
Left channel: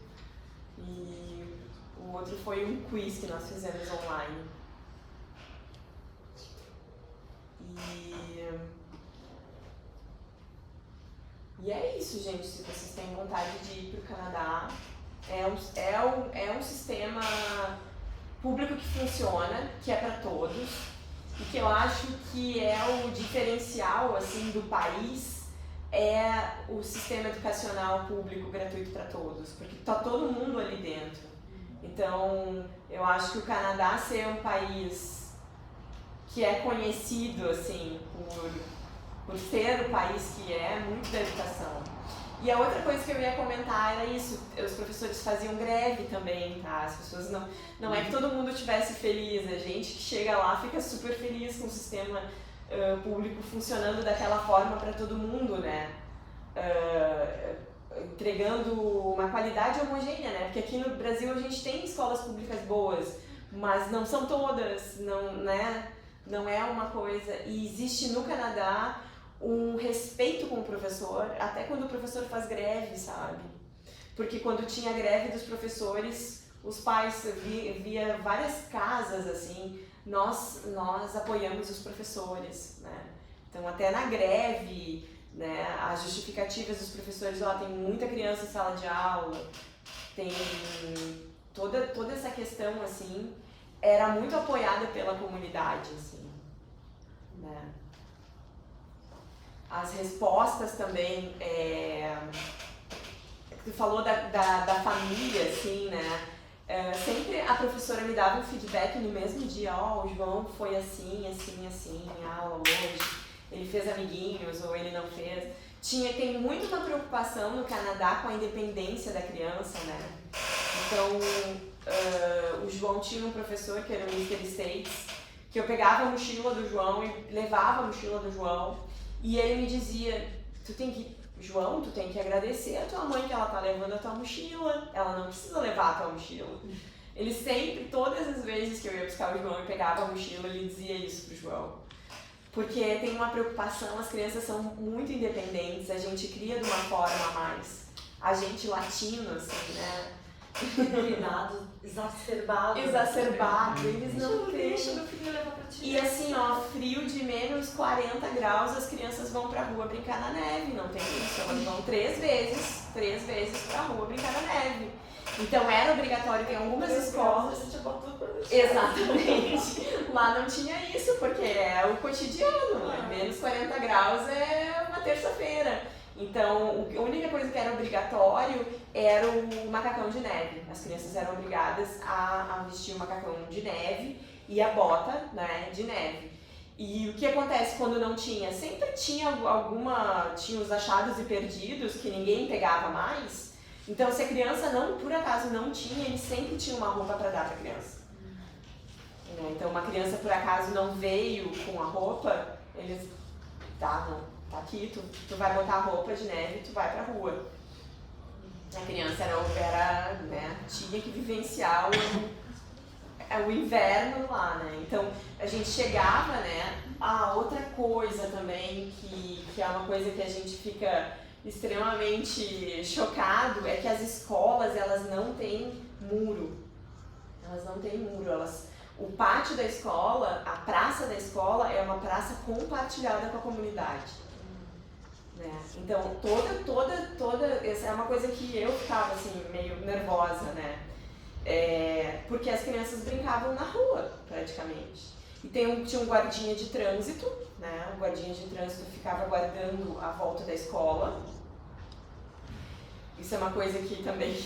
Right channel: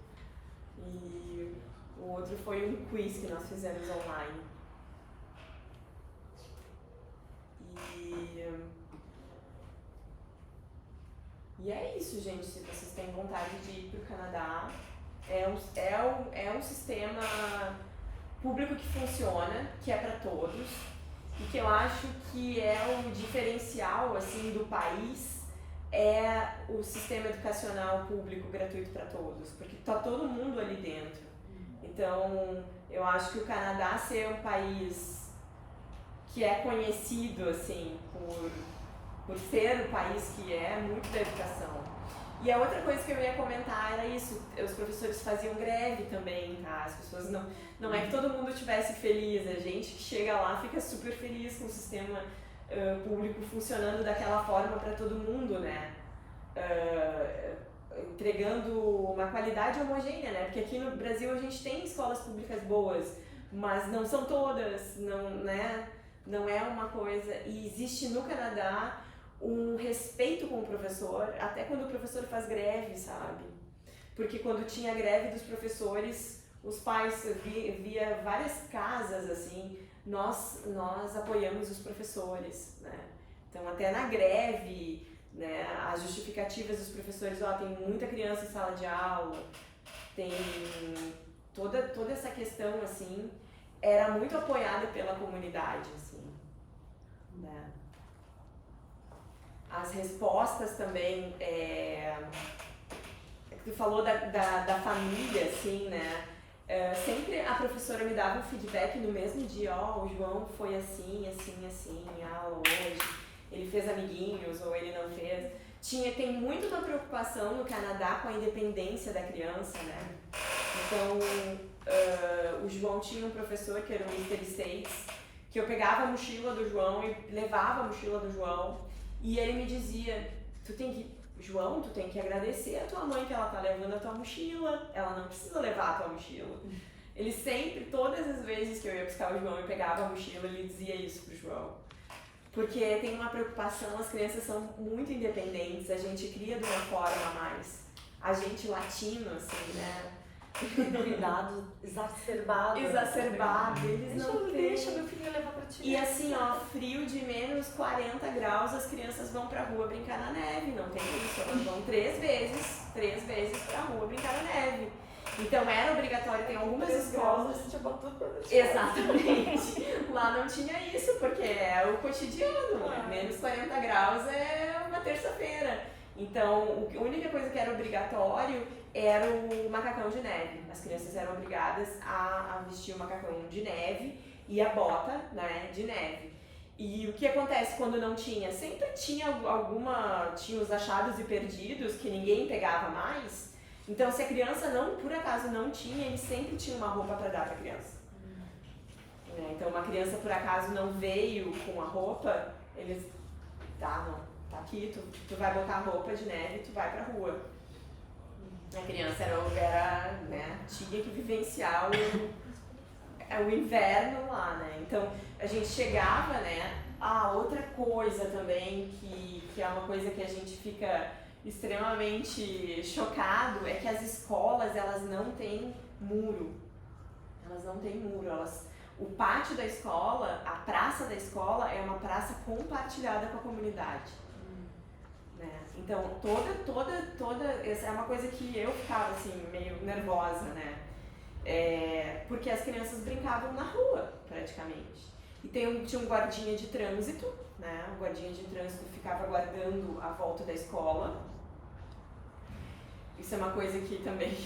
e o outro foi um quiz que nós fizemos online. E é isso, gente. Se vocês têm vontade de ir para o Canadá, é um sistema público que funciona, que é para todos, e que eu acho que é o diferencial, assim, do país, é o sistema educacional público gratuito para todos, porque está todo mundo ali dentro. Então, eu acho que o Canadá ser um país que é conhecido, assim, por ser o país que é muito da educação. E a outra coisa que eu ia comentar era isso, os professores faziam greve também, tá? As pessoas não é que todo mundo estivesse feliz, a gente que chega lá fica super feliz com o sistema público funcionando daquela forma para todo mundo, né? Entregando uma qualidade homogênea, né? Porque aqui no Brasil a gente tem escolas públicas boas, mas não são todas, não é uma coisa. E existe no Canadá um respeito com o professor, até quando o professor faz greve, sabe? Porque quando tinha greve dos professores, os pais, via várias casas, assim, nós apoiamos os professores, né? Então, até na greve, né, as justificativas dos professores, tem muita criança em sala de aula, tem toda essa questão, assim, era muito apoiada pela comunidade, assim, né? As respostas também, tu falou da família, assim, né? Sempre a professora me dava um feedback no mesmo dia, o João foi assim, em aula hoje, ele fez amiguinhos ou ele não fez. Tem muito uma preocupação no Canadá com a independência da criança, né? Então, o João tinha um professor que era o Mr. States, que eu pegava a mochila do João e levava a mochila do João, e ele me dizia, João, tu tem que agradecer a tua mãe que ela tá levando a tua mochila, ela não precisa levar a tua mochila. Ele sempre, todas as vezes que eu ia buscar o João e pegava a mochila, ele dizia isso pro João. Porque tem uma preocupação, as crianças são muito independentes, a gente cria de uma forma mais. A gente latino, assim, né? Cuidado exacerbado. Eles não têm. Deixa meu filho levar pra ti. E assim, ó, frio de menos 40 graus, as crianças vão pra rua brincar na neve, não tem isso. Elas vão 3 vezes pra rua brincar na neve. Então era obrigatório, tem algumas escolas. A gente botou por Exatamente. Lá não tinha isso, porque é o cotidiano. Menos 40 graus é uma terça-feira. Então, a única coisa que era obrigatório era o macacão de neve. As crianças eram obrigadas a vestir o macacão de neve e a bota, né, de neve. E o que acontece quando não tinha? Sempre tinha tinha os achados e perdidos que ninguém pegava mais. Então, se a criança não, por acaso não tinha, ele sempre tinha uma roupa para dar para a criança. Então, uma criança por acaso não veio com a roupa, eles, tá aqui, tu vai botar a roupa de neve e tu vai pra rua. A criança tinha que vivenciar o inverno lá, né? Então, a gente chegava, né? Outra coisa também que é uma coisa que a gente fica extremamente chocado é que as escolas, elas não têm muro. O pátio da escola, a praça da escola é uma praça compartilhada com a comunidade. Né? Então, toda, essa é uma coisa que eu ficava assim, meio nervosa, né? Porque as crianças brincavam na rua, praticamente. E tinha um guardinha de trânsito, né? O guardinha de trânsito ficava guardando a volta da escola. Isso é uma coisa que também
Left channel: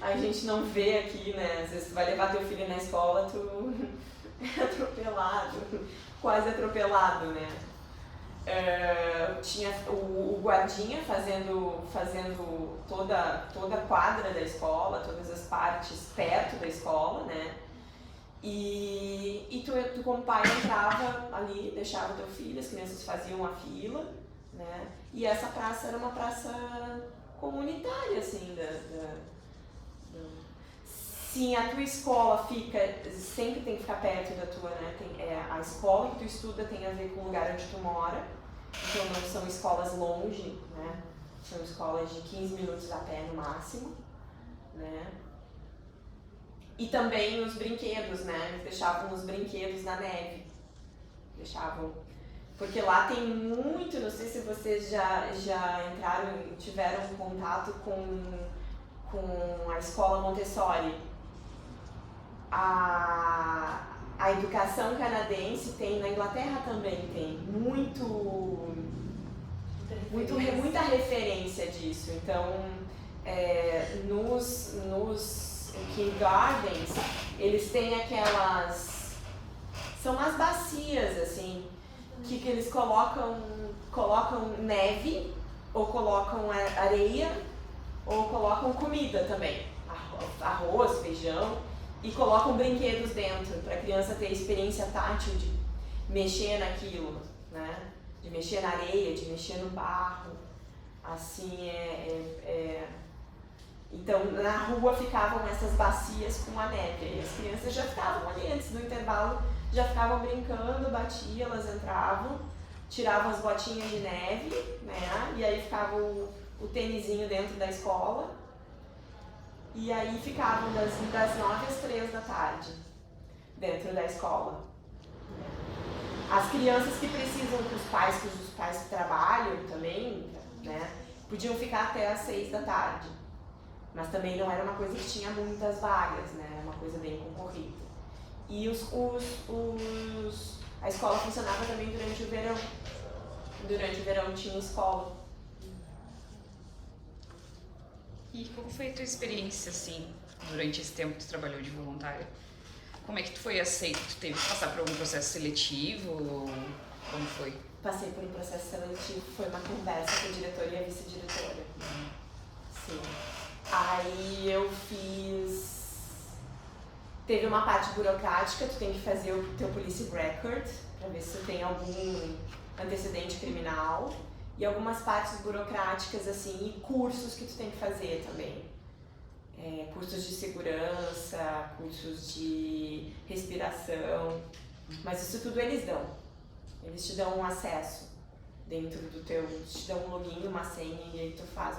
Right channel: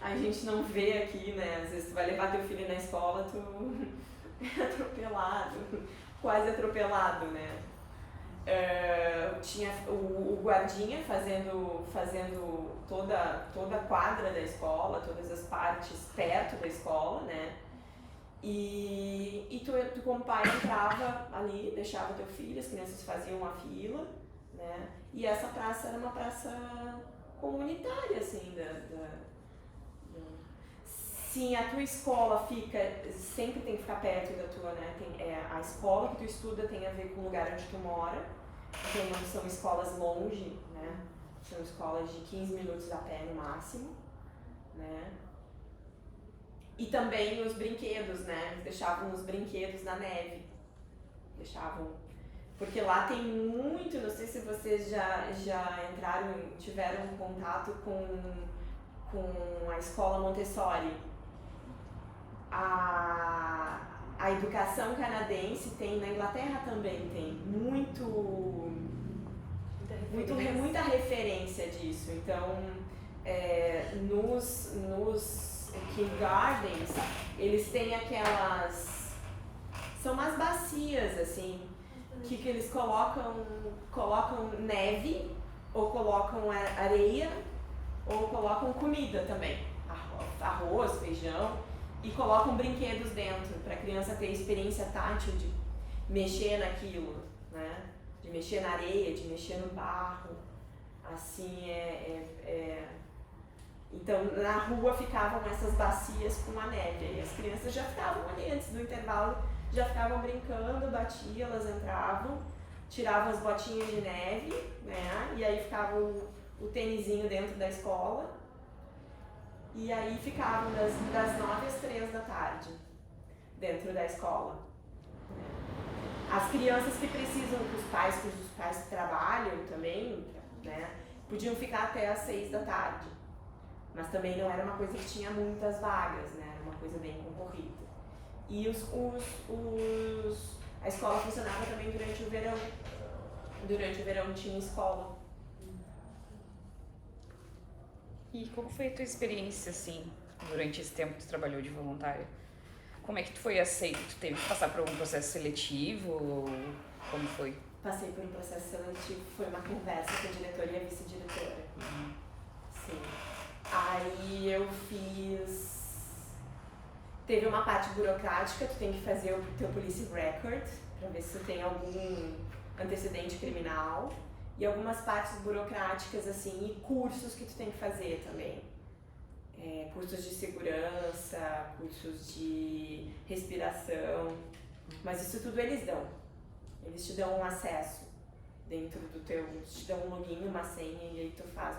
a gente não vê aqui, né? Às vezes tu vai levar teu filho na escola, tu é atropelado, quase atropelado, né? Tinha o guardinha fazendo toda a quadra da escola, todas as partes perto da escola, né? E tu como pai entrava ali, deixava teu filho, as crianças faziam a fila, né? E essa praça era uma praça comunitária, assim, Sim, a tua escola sempre tem que ficar perto da tua, né? A escola que tu estuda tem a ver com o lugar onde tu mora, então não são escolas longe, né? São escolas de 15 minutos a pé no máximo, né? E também os brinquedos, né? Eles deixavam os brinquedos na neve, porque lá tem muito, não sei se vocês já entraram e tiveram contato com a escola Montessori. A educação canadense tem, na Inglaterra também tem muita referência disso. Então, nos kindergartens, eles têm são umas bacias, assim, que eles colocam neve, ou colocam areia, ou colocam comida também, arroz, feijão, e colocam brinquedos dentro, para a criança ter experiência tátil de mexer naquilo, né? De mexer na areia, de mexer no barro, assim, Então, na rua ficavam essas bacias com a neve, e as crianças já ficavam ali antes do intervalo, já ficavam brincando, batiam, elas entravam, tiravam as botinhas de neve, né? E aí ficava o tênisinho dentro da escola, e aí ficavam das 9 às 3 da tarde, dentro da escola. As crianças que precisam, os pais que trabalham também, né? Podiam ficar até às 6 da tarde. Mas também não era uma coisa que tinha muitas vagas, né? Era uma coisa bem concorrida. E a escola funcionava também durante o verão. Durante o verão tinha escola. E como foi a tua experiência, assim, durante esse tempo que tu trabalhou de voluntária? Como é que tu foi aceito? Tu teve que passar por algum processo seletivo? Como foi? Passei por um processo seletivo, foi uma conversa com a diretora e a vice-diretora. Sim. Aí eu teve uma parte burocrática, tu tem que fazer o teu police record, pra ver se tu tem algum antecedente criminal. e algumas partes burocráticas, assim, e cursos que tu tem que fazer também. Cursos de segurança, cursos de respiração, mas isso tudo eles dão. Eles te dão um acesso dentro do teu, te dão um login, uma senha, e aí tu faz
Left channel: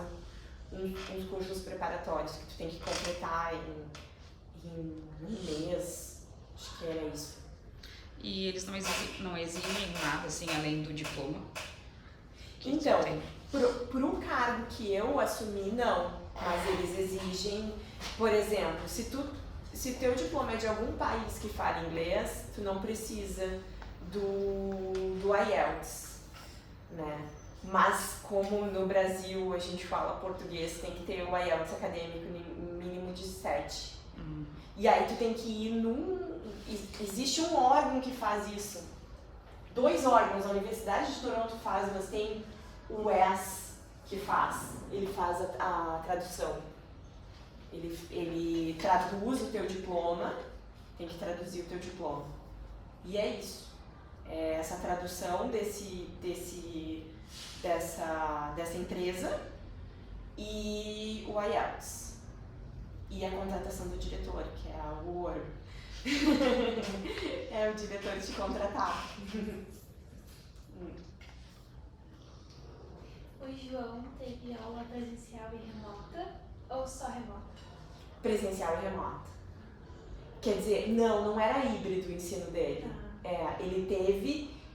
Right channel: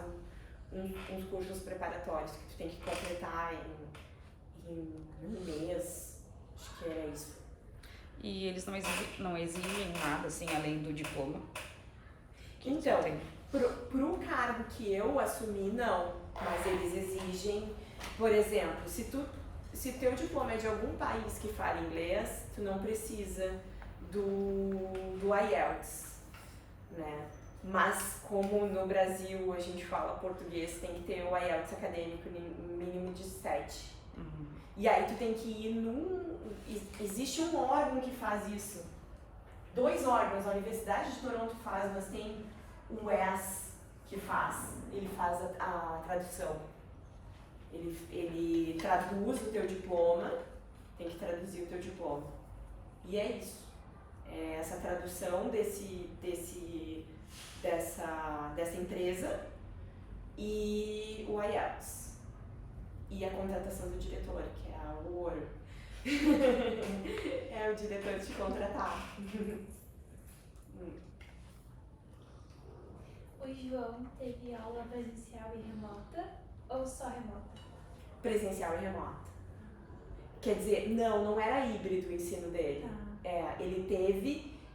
uns cursos preparatórios que tu tem que completar em um mês, acho que era isso. E eles não exigem nada, assim, além do diploma? Então, por um cargo que eu assumi, não. Mas eles exigem, por exemplo, se teu diploma é de algum país que fala inglês, tu não precisa do IELTS, né? Mas como no Brasil a gente fala português, tem que ter o IELTS acadêmico mínimo de 7. E aí tu tem que ir existe um órgão que faz isso. 2 órgãos, a Universidade de Toronto faz, mas tem o ES que faz. Ele faz a tradução. Ele traduz o teu diploma, tem que traduzir o teu diploma. E é isso. É essa tradução dessa empresa e o IELTS. E a contratação do diretor, que é o ouro. É o diretor te contratar. O João teve aula presencial e remota ou só remota? Presencial e remota. Quer dizer, não era híbrido o ensino dele.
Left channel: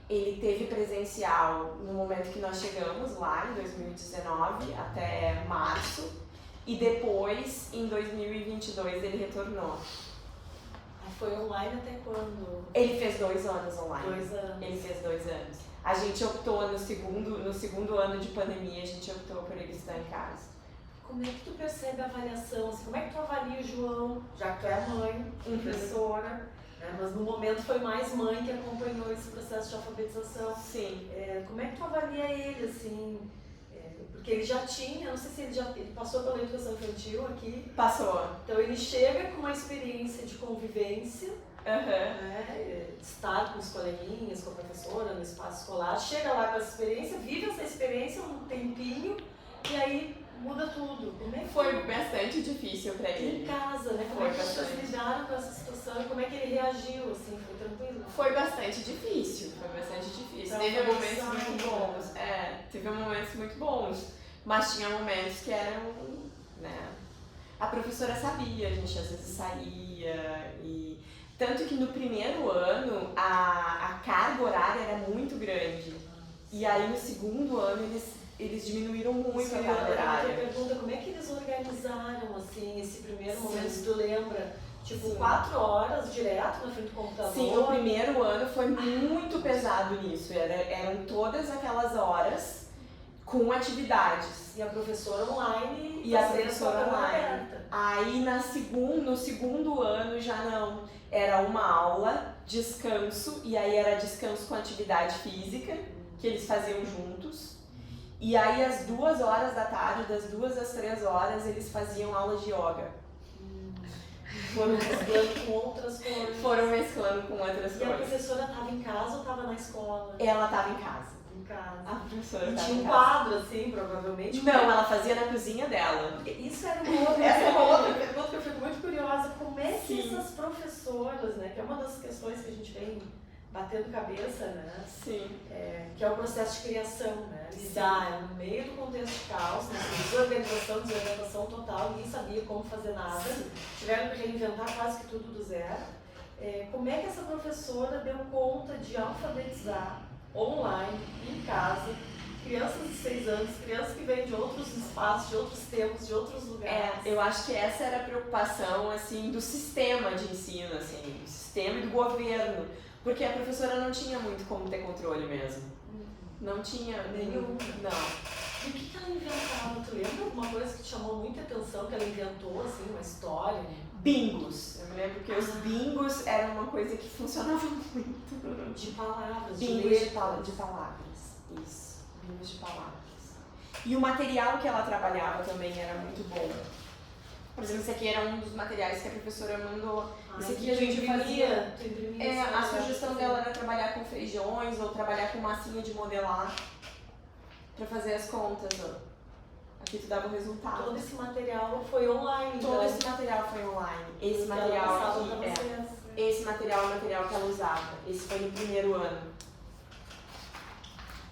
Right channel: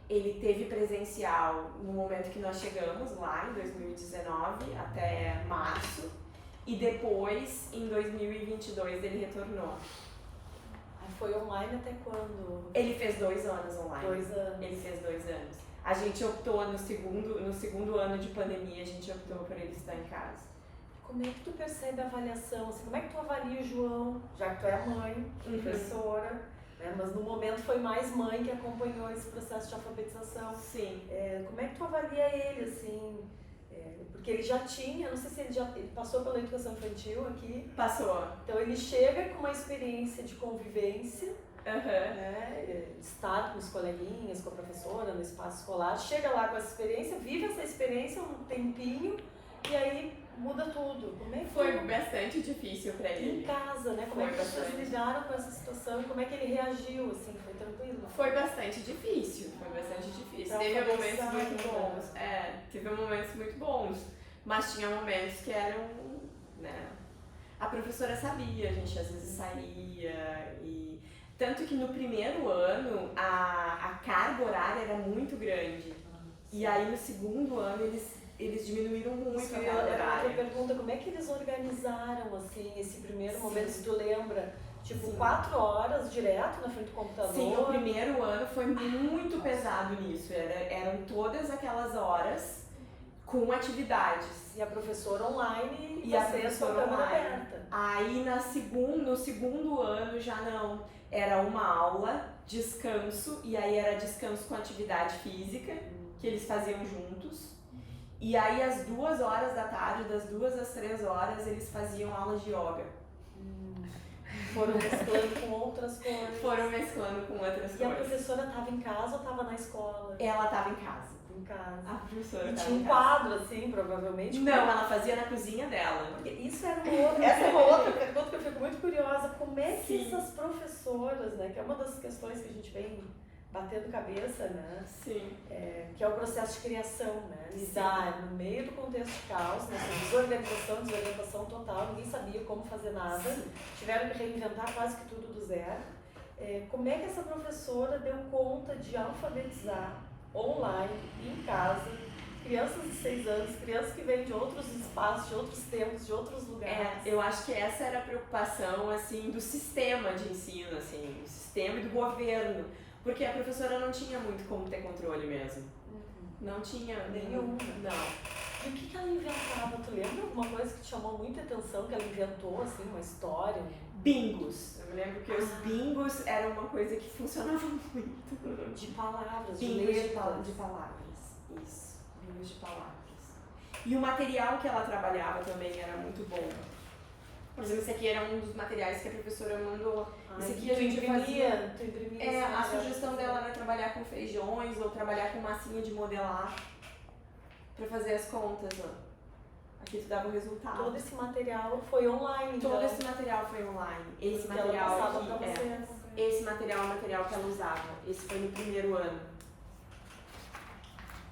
Ele teve presencial no momento que nós chegamos lá, em 2019, até março. E depois, em 2022, ele retornou. Foi online até quando? Ele fez 2 anos online. 2 anos. Ele fez 2 anos. A gente optou, no segundo ano de pandemia, a gente optou por ele estudar em casa. Como é que tu percebe a avaliação? Assim, como é que tu avalia o João, já que tu é mãe, professora, né? Mas no momento foi mais mãe que acompanhou esse processo de alfabetização. Sim. Como é que tu avalia ele, assim? Porque ele já tinha, não sei se ele passou pela educação infantil aqui. Passou. Então ele chega com uma experiência de convivência, né, de estar com os coleguinhas, com a professora, no espaço escolar, chega lá com essa experiência, vive essa experiência um tempinho e aí muda tudo. Como é que foi bastante difícil pra ele. Em casa, né? Como é que vocês lidaram com essa situação? Como é que ele reagiu, assim? Foi tranquilo? Foi bastante difícil. Teve momentos muito bons. Teve momentos muito bons. Mas tinha momentos que eram, né? A professora sabia, a gente às vezes saía e... Tanto que no primeiro ano a carga horária era muito grande. E aí no segundo ano eles diminuíram muito a carga horária. Eu pergunto como é que eles organizaram, assim, esse primeiro momento, se tu lembra? Tipo, 4 horas direto na frente do computador? Sim, o primeiro ano foi muito pesado nisso. Eram todas aquelas horas com atividades. E a professora online? E a professora online. Aí no segundo ano já não. Era uma aula, descanso, e aí era descanso com atividade física, que eles faziam juntos. E aí às 2 horas da tarde, das 2 às 3 horas, eles faziam aulas de yoga. Foram mesclando com outras coisas. Foram mesclando com outras coisas. E a professora estava em casa ou estava na escola? Ela estava em casa. Em casa. A professora estava tinha em um casa. quadro, assim, provavelmente. Não, ela fazia na cozinha dela. Isso era uma outra pergunta que eu fico muito curiosa. Como é que Sim. essas professoras, né, que é uma das questões que a gente vem batendo cabeça, né? Sim. Que é o processo de criação, né? Lidar no meio do contexto de caos, nessa desorientação total, ninguém sabia como fazer nada, tiveram que reinventar quase que tudo do zero. Como é que essa professora deu conta de alfabetizar online, em casa, crianças de 6 anos, crianças que vêm de outros espaços, de outros tempos, de outros lugares? Eu acho que essa era a preocupação, assim, do sistema de ensino, assim, do sistema e do governo. Porque a professora não tinha muito como ter controle mesmo. Não tinha nenhum. Não. E o que ela inventava? Tu lembra alguma coisa que te chamou muita atenção, que ela inventou, assim, uma história? Bingos. Eu me lembro que os bingos eram uma coisa que funcionava muito. De palavras, bingos de palavras. Isso. Bingos de palavras. E o material que ela trabalhava também era muito bom. Por exemplo, esse aqui era um dos materiais que a professora mandou. Esse aqui a gente fazia. A sugestão dela era trabalhar com feijões ou trabalhar com massinha de modelar. pra fazer as contas, ó. Aqui tu dava o resultado. Todo esse material foi online. Todo então. esse material foi online. Esse Ela material passava aqui pra é. vocês. Esse material é o material que ela usava. Esse foi no primeiro ano.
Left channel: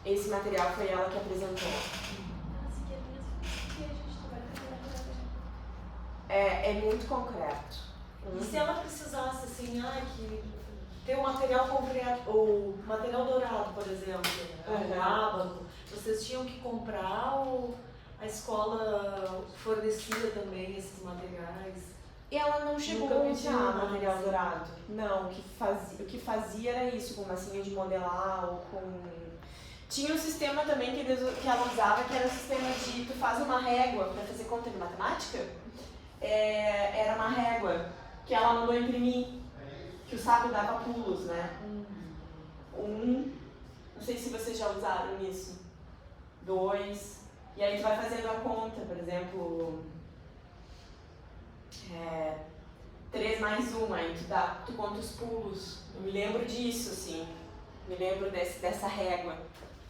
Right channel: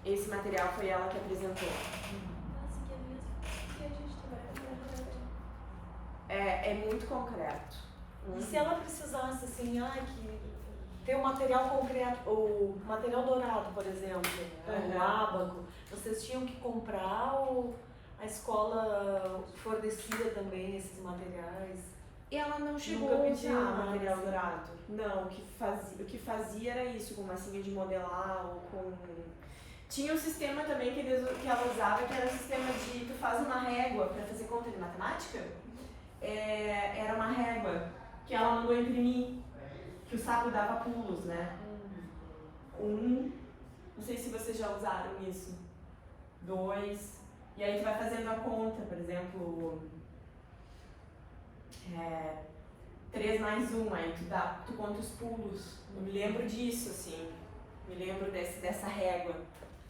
Esse material foi ela que apresentou. Assim que a gente É muito concreto. E se ela precisasse, assim, que ter o material concreto, ou material dourado, por exemplo, Uhum. ábaco, vocês tinham que comprar ou a escola fornecia também esses materiais? E ela não chegou Nunca a pediu usar nada, material assim. dourado. Não, o que fazia era isso, com massinha de modelar ou com... Tinha um sistema também que ela usava, que era o sistema de tu faz uma régua para fazer conta de matemática. Era uma régua que ela mandou imprimir, que o saco dava pulos, né? Não sei se vocês já usaram isso. 2, e aí tu vai fazendo a conta, por exemplo, 3 mais 1, aí tu conta os pulos. Eu me lembro disso, assim, me lembro dessa régua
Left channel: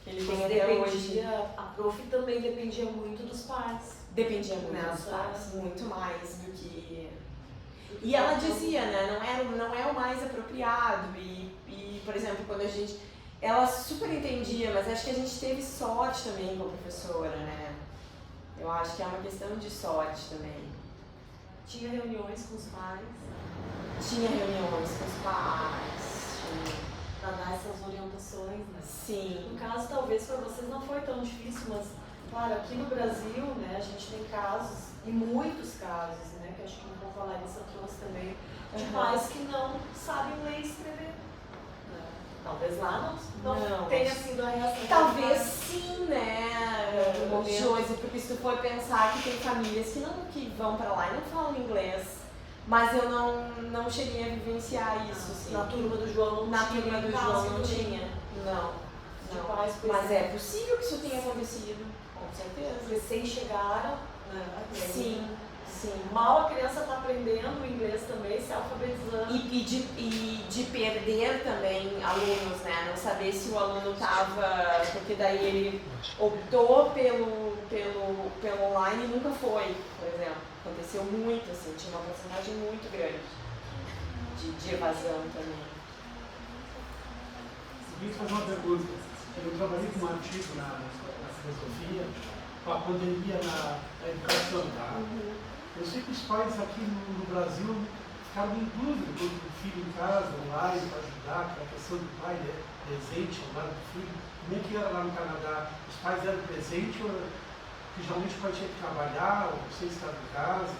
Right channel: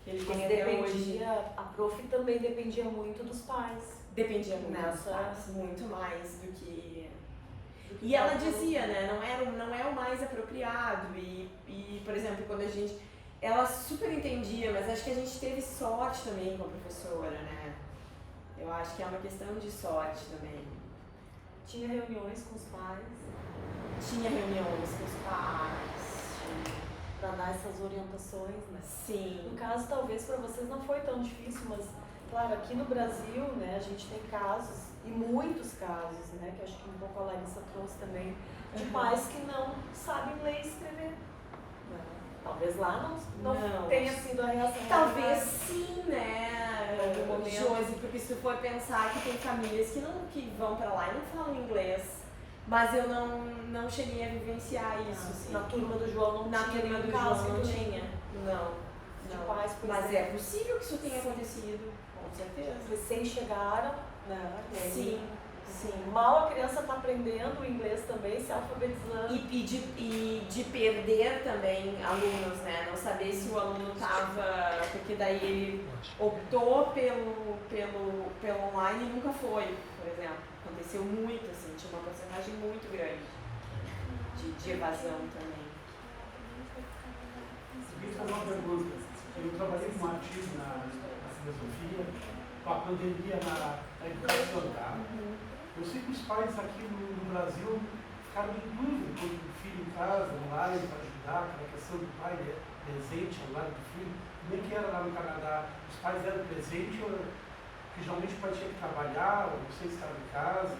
que ele tem até hoje. A prof também dependia muito dos pais. Dependia muito dos Nessa- pais, muito mais do que... E ela dizia, né, não é o mais apropriado e, por exemplo, quando a gente... Ela super entendia, mas acho que a gente teve sorte também com a professora, né? Eu acho que é uma questão de sorte também. Tinha reuniões com os pais Tinha reuniões com os pais, para dar essas orientações, né? sim. No caso, talvez para vocês não foi tão difícil, mas, claro, aqui no Brasil, né, a gente tem casos, e muitos casos, né, que eu acho que não vou falar isso, eu trouxe também, de Uhum. pais que não sabem ler e escrever. Talvez lá não Não. tenha sido essa. Talvez sim, né, Em algum Josi, porque se tu for pensar que tem famílias que vão pra lá e não falam inglês, mas eu não cheguei a vivenciar isso, assim. Na turma do João não Na tinha. turma do em casa João não também. tinha. Não. pais, por Mas exemplo. é possível que isso tenha acontecido, com certeza. Recém chegaram, né? Sim, sim. Mal a criança está aprendendo inglês também, se alfabetizando. E de perder também alunos, né? Não saber se o aluno estava. Porque daí ele optou pelo online e nunca foi, por exemplo. Aconteceu muito, assim, tinha uma porcentagem muito grande de evasão também. Eu queria fazer uma pergunta. Eu trabalhei com um artigo na filosofia com a pandemia na educação, tá? Eu sei que os pais aqui no Brasil ficaram em dúvida quando o filho em casa, online, para ajudar, aquela questão do pai presente ao lado do filho. Como é que era lá no Canadá? Os pais eram presentes, porque geralmente o pai tinha que trabalhar, ou você estava em casa,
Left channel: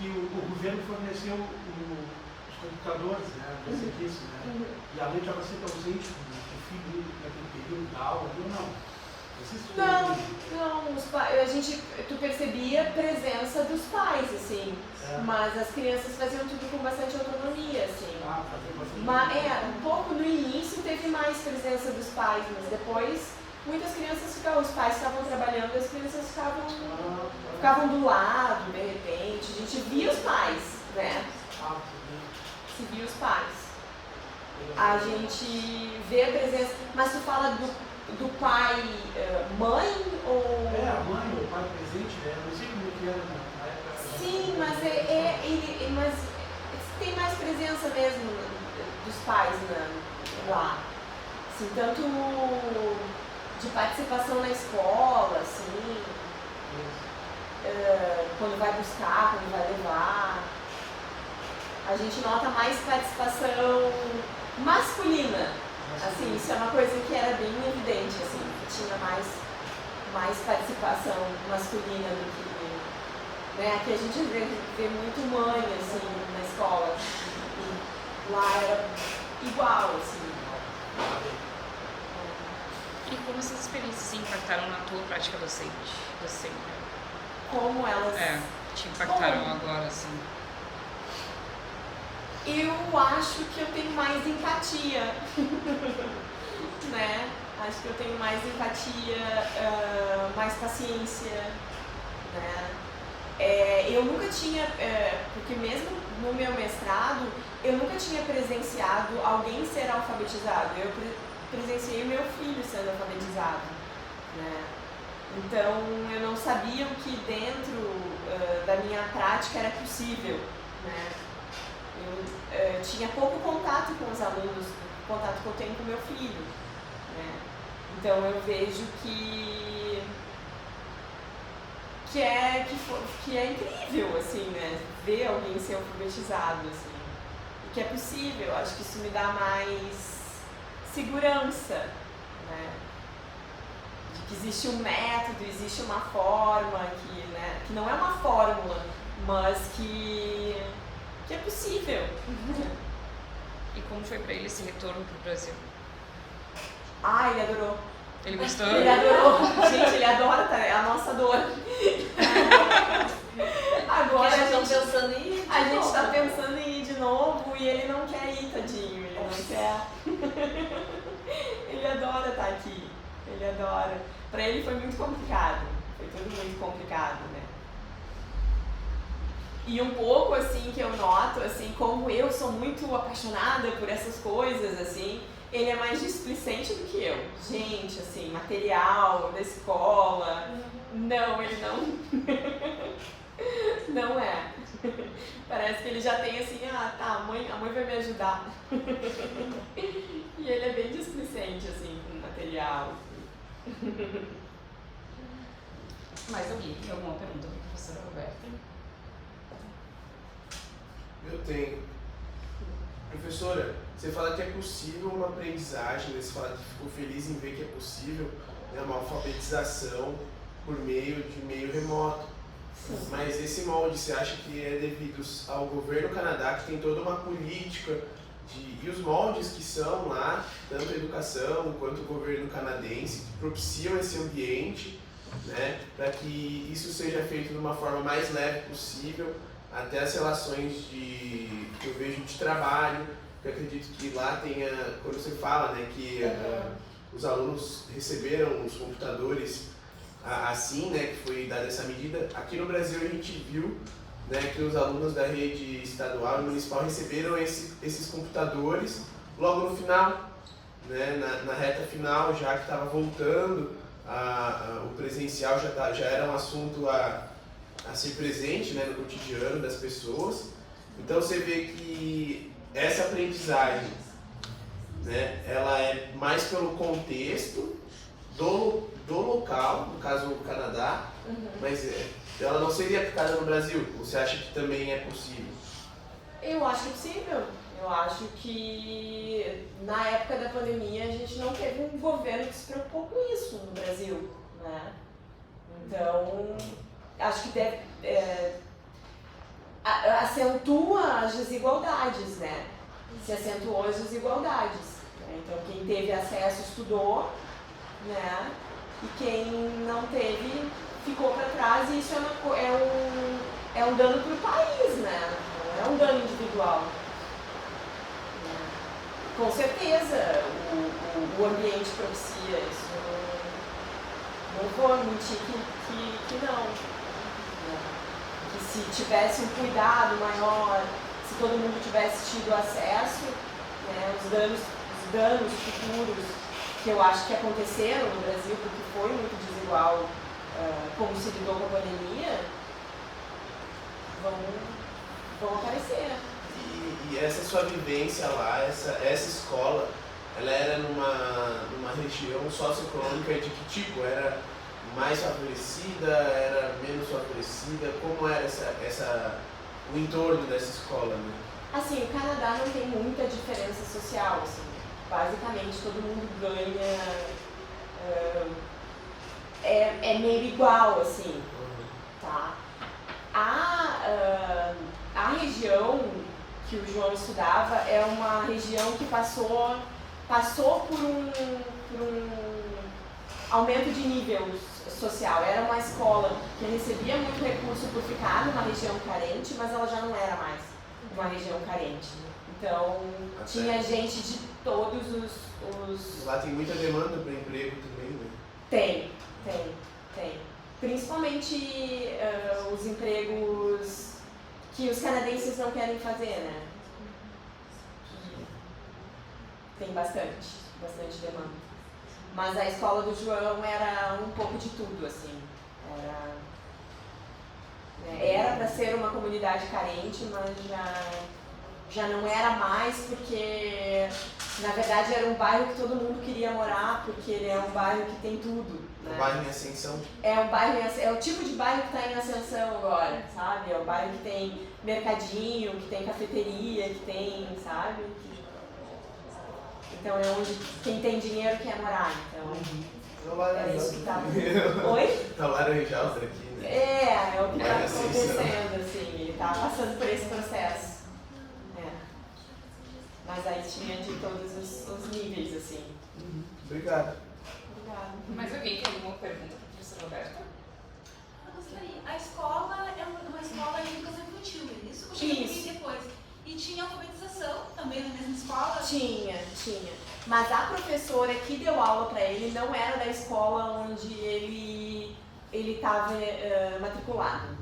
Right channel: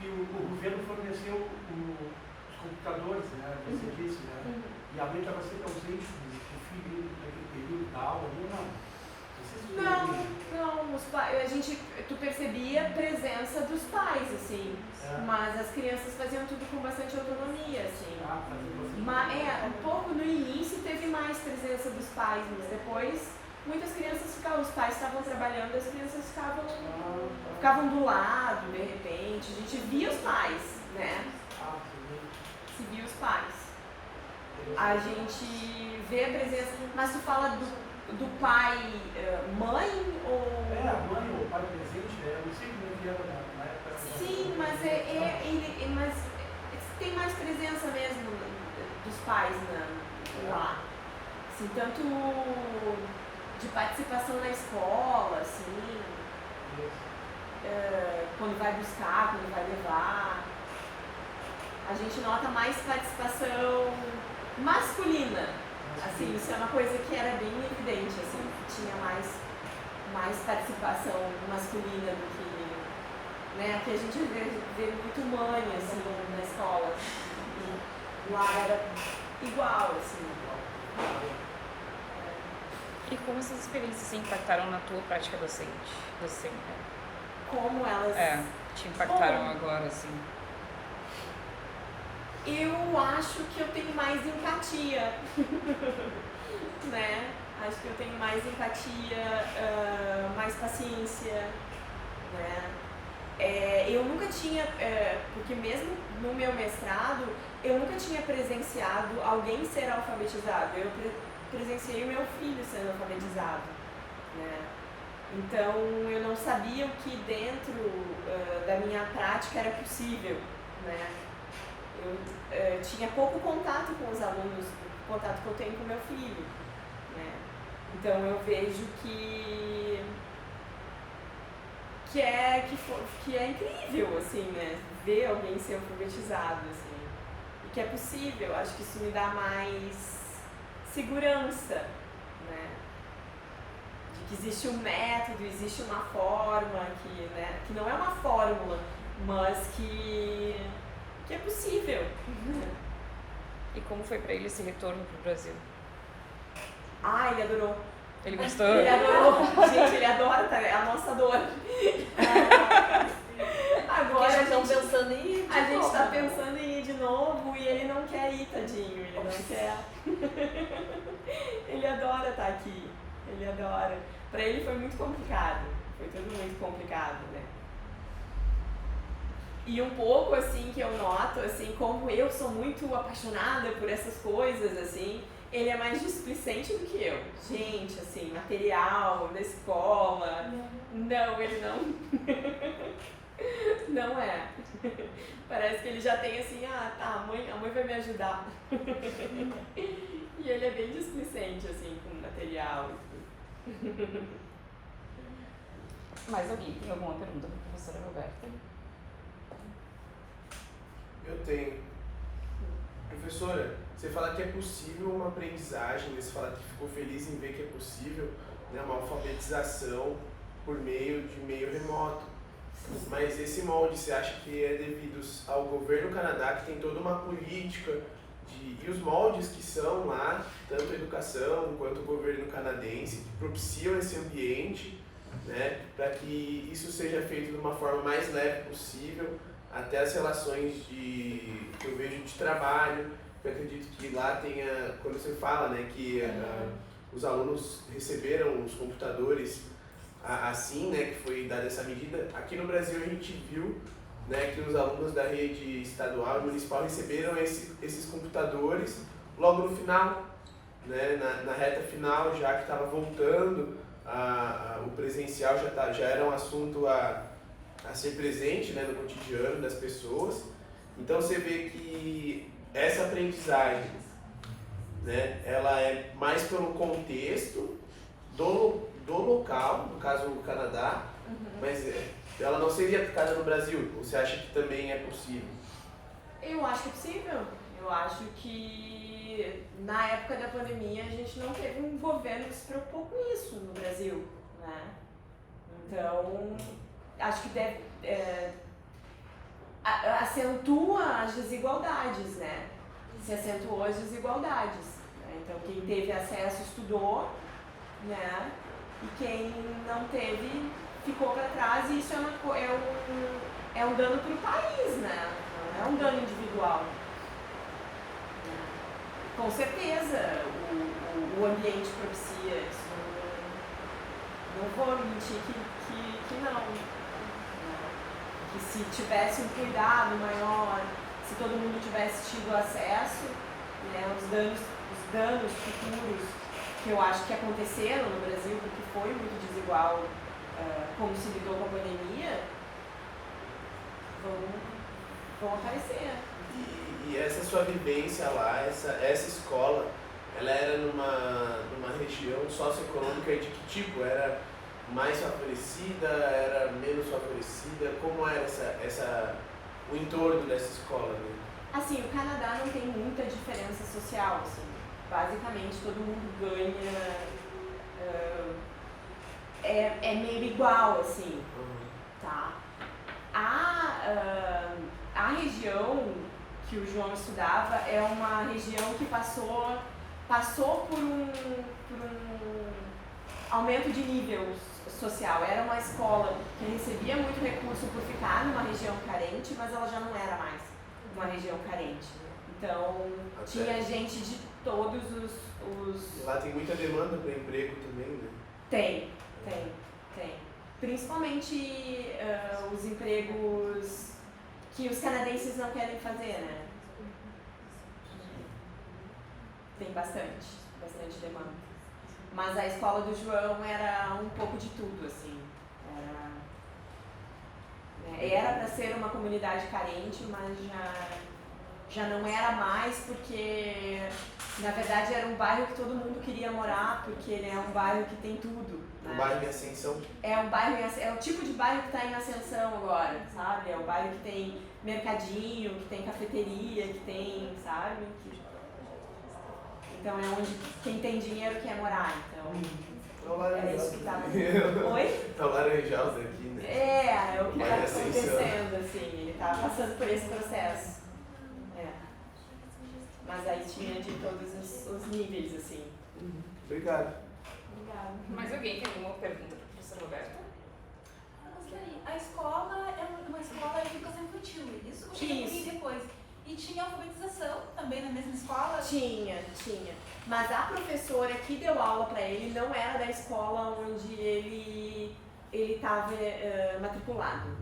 e o governo forneceu os computadores, né? Você disse, né? E a mãe estava sempre ausente do filho naquele período da aula, ou não? Tu percebia a presença dos pais, assim, mas as crianças faziam tudo com bastante autonomia, assim. Um pouco no início teve mais presença dos pais, mas depois muitas crianças os pais estavam trabalhando, as crianças ficavam do lado, de repente, a gente via os pais, né? Se via os pais. A gente vê a presença, mas tu fala do pai, mãe ou... A mãe ou o pai presente, eu não sei como é que era na época. Sim, mas tem mais presença mesmo dos pais lá. Assim, tanto de participação na escola, assim, quando vai buscar, quando vai levar. A gente nota mais participação masculina. Assim, isso é uma coisa que era bem evidente, assim, que tinha mais participação masculina do que, né, que a gente vê muito mãe, assim, na escola, e lá era igual, assim. E como essas experiências impactaram na tua prática docente? Como elas... te impactaram agora, assim? Eu acho que eu tenho mais empatia, né? Acho que eu tenho mais empatia, mais paciência, né? Eu nunca tinha, porque mesmo no meu mestrado, eu nunca tinha presenciado alguém ser alfabetizado. Eu presenciei meu filho sendo alfabetizado, né? Então eu não sabia o que dentro da minha prática era possível, né? Eu tinha pouco contato com os alunos, o contato que eu tenho com meu filho, né? Então eu vejo que é incrível, assim, né? Ver alguém ser alfabetizado, assim, e que é possível. Acho que isso me dá mais segurança, né? De que existe um método, existe uma forma, né? Que não é uma fórmula, mas que é possível. E como foi para ele esse retorno pro Brasil? Ah, ele adorou. Ele gostou? Ele adorou. Gente, ele adora, tá? É a nossa dor. Agora Porque a gente tá pensando em ir de a gente novo. tá pensando em ir de novo e ele não quer ir, tadinho. Ele não quer. Ele adora estar aqui. Ele adora. Pra ele foi muito complicado. Foi tudo muito complicado, né? E um pouco, assim, que eu noto, assim, como eu sou muito apaixonada por essas coisas, assim, ele é mais displicente do que eu. Gente, assim, material da escola, não, ele não. Não é. Parece que ele já tem assim, tá, a mãe vai me ajudar. E ele é bem displicente, assim, com material. Mais alguém tem alguma pergunta para a professora Roberta? Eu tenho. Professora, você fala que é possível uma aprendizagem, você fala que ficou feliz em ver que é possível, né, uma alfabetização por meio de meio remoto. Sim. Mas esse molde, você acha que é devido ao governo do Canadá, que tem toda uma política, e os moldes que são lá, tanto a educação quanto o governo canadense, que propiciam esse ambiente, né, para que isso seja feito de uma forma mais leve possível, até as relações que eu vejo de trabalho, que eu acredito que lá tenha, quando você fala, né, que os alunos receberam os computadores assim, né, que foi dada essa medida. Aqui no Brasil a gente viu, né, que os alunos da rede estadual e municipal receberam esses computadores logo no final, né, na reta final, já que estava voltando, o presencial já era um assunto a ser presente, né, no cotidiano das pessoas. Então você vê que essa aprendizagem, né, ela é mais pelo contexto do local, no caso o Canadá, mas ela não seria aplicada no Brasil. Você acha que também é possível? Eu acho que é possível. Eu acho que na época da pandemia a gente não teve um governo que se preocupou com isso no Brasil, né? Então, acho que deve, acentua as desigualdades, né? Se acentuou as desigualdades, né? Então, quem teve acesso estudou, né? E quem não teve ficou para trás, e isso é um dano para o país, né? Não é um dano individual. Com certeza, o ambiente propicia isso. Não vou mentir que não. Que se tivesse um cuidado maior, se todo mundo tivesse tido acesso, né, os danos futuros que eu acho que aconteceram no Brasil, porque foi muito desigual como se lidou com a pandemia, vão aparecer. E essa sua vivência lá, essa escola, ela era numa região socioeconômica de que tipo? Era mais favorecida, era menos favorecida? Como era o entorno dessa escola, né? Assim, o Canadá não tem muita diferença social, assim. Basicamente todo mundo ganha, é meio igual, assim, tá? A região que o João estudava é uma região que passou por um aumento de nível social. Era uma escola que recebia muito recurso por ficar numa região carente, mas ela já não era mais uma região carente. Então, tinha gente de todos os... Lá tem muita demanda para emprego também, né? Tem. Principalmente os empregos que os canadenses não querem fazer, né? Tem bastante demanda. Mas a escola do João era um pouco de tudo, assim. Era para ser uma comunidade carente, mas já não era mais, porque na verdade era um bairro que todo mundo queria morar, porque ele é um bairro que tem tudo, né? Um bairro em ascensão. É um bairro é o tipo de bairro que está em ascensão agora, sabe? É o bairro que tem mercadinho, que tem cafeteria, que tem, sabe? Então é onde quem tem dinheiro quer morar, então é isso que tá. Oi? Tá laranjal aqui, né? É o que está Vai ascensão. acontecendo, assim, ele tá passando por esse processo. Mas aí tinha de todos os níveis, assim. Obrigado. Obrigada. Mais alguém tem alguma pergunta para a professora Roberta? Eu gostaria. A escola é uma escola de educação infantil, é isso? Ou Isso. depois? E tinha alfabetização também na mesma escola? Tinha. Mas a professora que deu aula para ele não era da escola onde ele estava matriculado.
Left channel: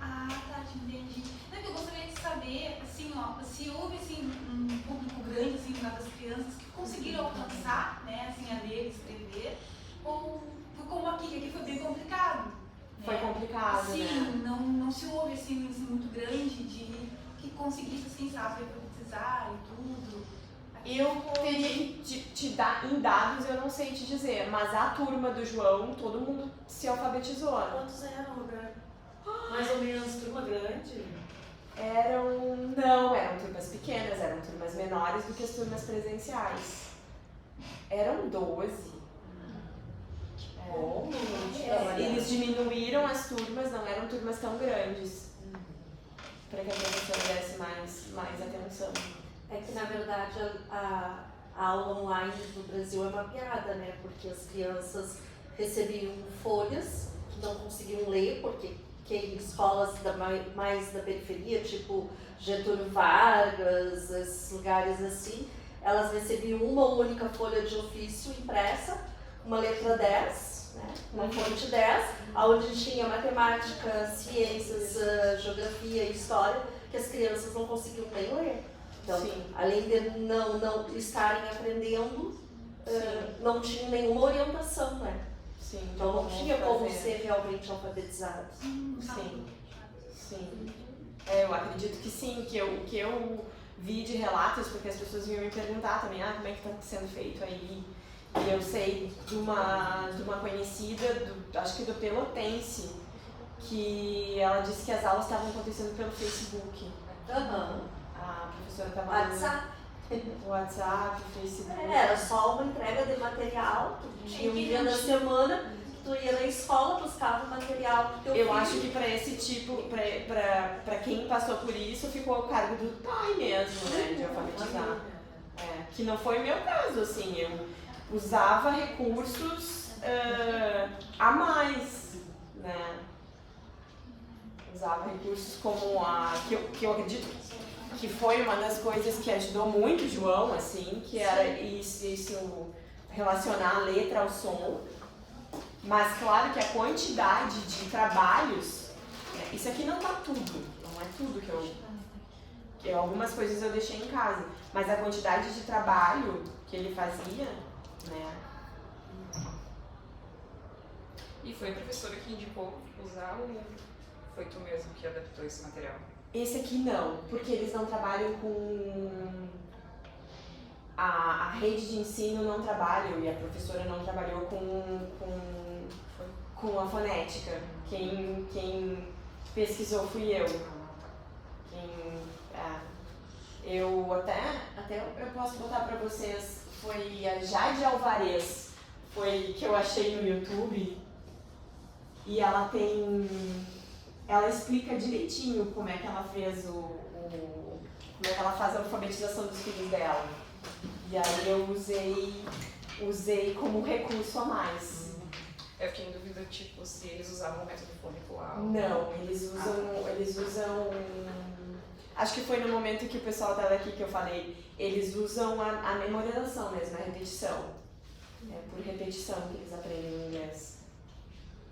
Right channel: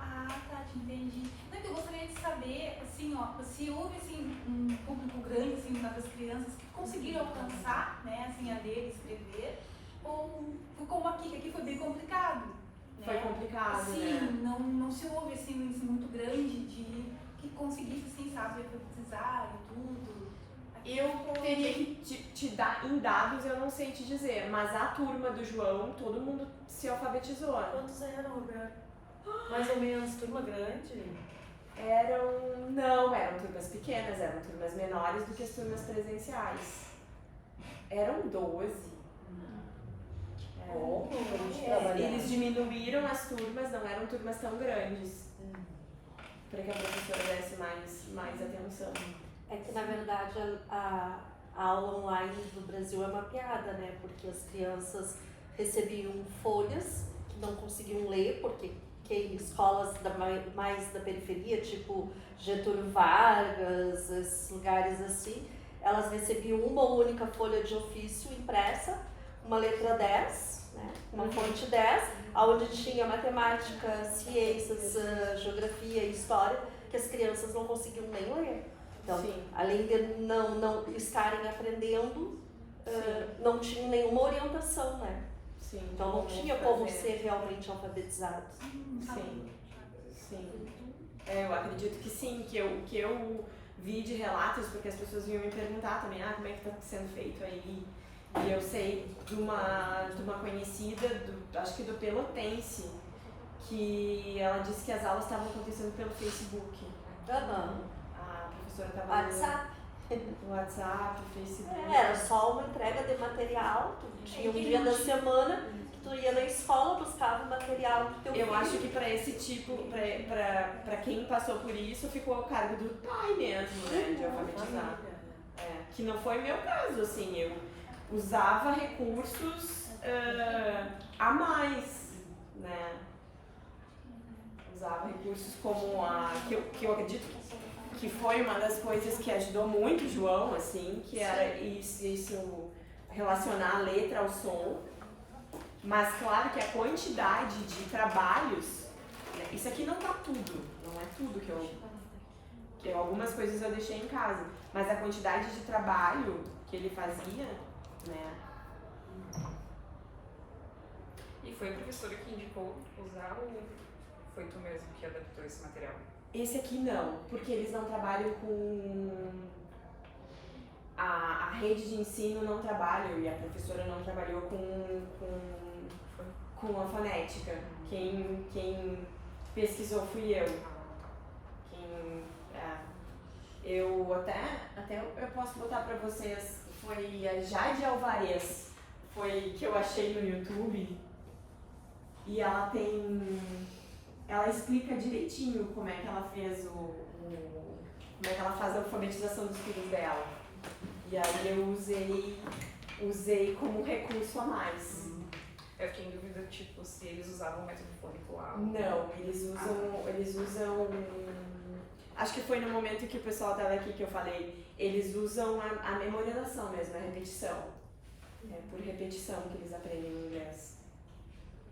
Ah, tá, te entendi. Não, que eu gostaria de saber, assim, ó, se houve assim, um público grande, assim, das crianças que conseguiram alcançar, né, assim, a ler, escrever, ou foi como aqui, que aqui foi bem complicado. Foi complicado, Sim, né? não se houve, assim, muito grande de que conseguisse, assim, sabe, alfabetizar e tudo. Eu teria que te dar em dados, eu não sei te dizer, mas a turma do João, todo mundo se alfabetizou. Quantos eram, Roberto? Mais ou menos turma grande? Não eram turmas pequenas, eram turmas menores do que as turmas presenciais. Eram 12. Eles diminuíram as turmas, não eram turmas tão grandes. Para que a professora desse mais atenção. É que, na verdade, a aula online no Brasil é uma piada, né? Porque as crianças recebiam folhas que não conseguiam ler, porque escolas mais da periferia, tipo Getúlio Vargas, esses lugares assim, elas recebiam uma única folha de ofício impressa, uma letra 10, né? Uma fonte 10, onde tinha matemática, ciências, geografia e história, que as crianças não conseguiam nem ler. Então, Sim. além de não estarem aprendendo, não tinha nenhuma orientação, né? Sim, Então não tinha como fazer. ser realmente alfabetizados. Sim. Eu acredito que sim, que eu vi de relatos, porque as pessoas vinham me perguntar também, como é que está sendo feito aí. E eu sei de uma conhecida, acho que do Pelotense, que ela disse que as aulas estavam acontecendo pelo Facebook. A professora estava WhatsApp. no WhatsApp, Facebook. Era só uma entrega de material, tu tinha um dia da semana, que tu ia na escola, buscava o material do teu filho. Eu acho que para esse tipo, para quem passou por isso, ficou a cargo do pai mesmo, né, de alfabetizar. Que não foi o meu caso, assim, eu usava recursos a mais, né. Usava recursos como que eu acredito que foi uma das coisas que ajudou muito o João, assim, que era isso relacionar a letra ao som. Mas claro que a quantidade de trabalhos, né, isso aqui não tá tudo, não é tudo que algumas coisas eu deixei em casa, mas a quantidade de trabalho que ele fazia, né. E foi a professora que indicou usar ou foi tu mesmo que adaptou esse material? Esse aqui não, porque eles não trabalham com... A rede de ensino não trabalha, e a professora não trabalhou com a fonética. Quem pesquisou fui eu. Eu até eu posso botar pra vocês, foi a Jade Alvarez, foi que eu achei no YouTube, e ela explica direitinho como é que ela fez como é que ela faz a alfabetização dos filhos dela. E aí eu usei como recurso a mais. Eu fiquei em dúvida, tipo, se eles usavam o método fonicular. Não, eles usam. Acho que foi no momento que o pessoal estava aqui que eu falei, eles usam a memorização mesmo, a repetição. É por repetição que eles aprendem o inglês.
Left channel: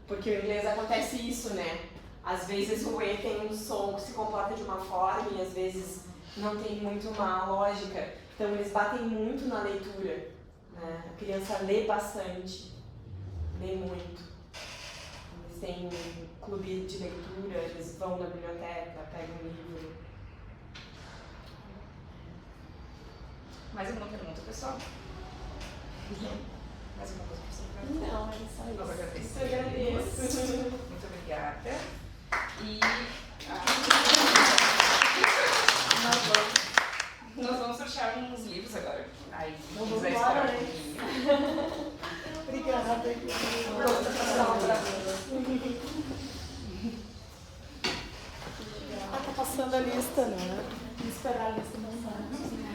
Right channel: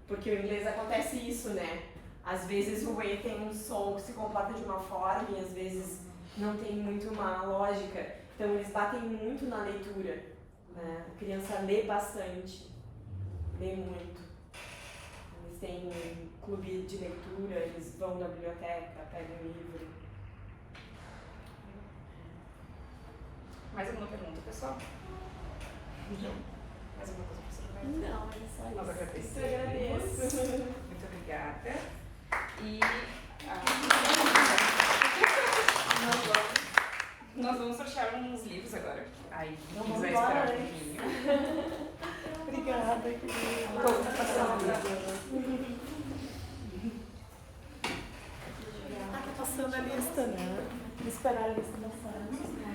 Porque o inglês acontece isso, né? Às vezes o E tem um som que se comporta de uma forma e às vezes não tem muito uma lógica. Então eles batem muito na leitura. né? A criança lê bastante, lê muito. Eles têm um clube de leitura, eles vão na biblioteca, pegam um livro. Mais alguma pergunta, pessoal? Mais alguma coisa que você quer? Não, é só Nós isso. agradecemos. Eu agradeço. Muito obrigada. E nós vamos sortear uns livros agora. Aí, quem Vamos quiser embora, esperar um né? pouquinho. Obrigada, tá passando a lista, né? Vou esperar a lista passar.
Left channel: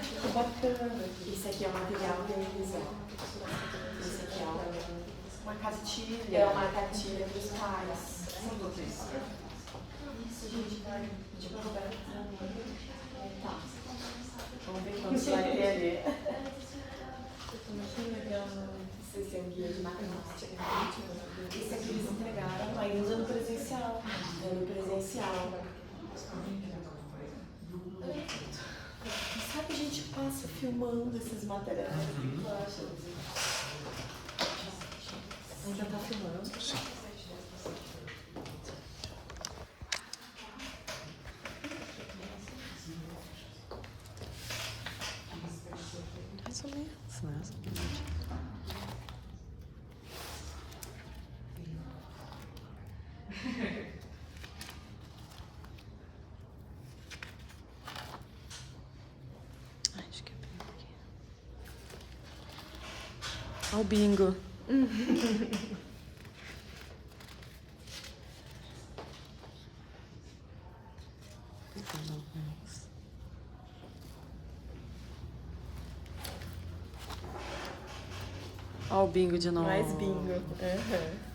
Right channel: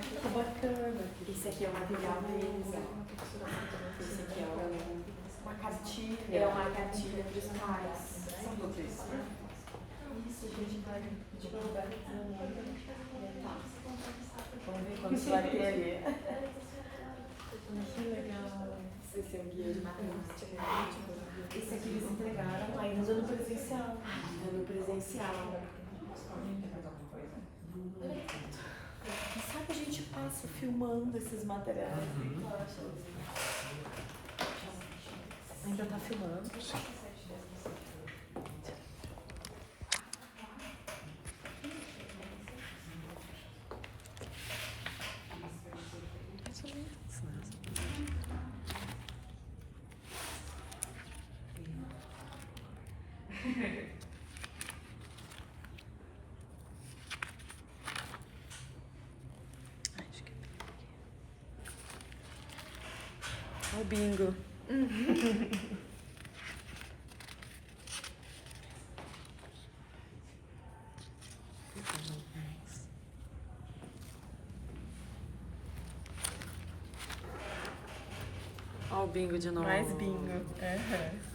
Ficou bacana. Isso aqui é um material revisado. Isso aqui é Uma cartilha. é uma cartilha dos pais. São todos isso. Isso, a gente vai pedir pra Roberta fazer tá. Vamos ver quantos vai ter ali. Que legal. Esse é o guia de matemática. Esse aqui eles entregaram ainda no presencial. No presencial. Sabe, a gente passa filmando esses materiais. Ainda tá filmando? Sim. Mais ou menos, né? Acho que é bem aqui. Olha o bingo. Olha o bingo de novo. Mais bingo. Uhum.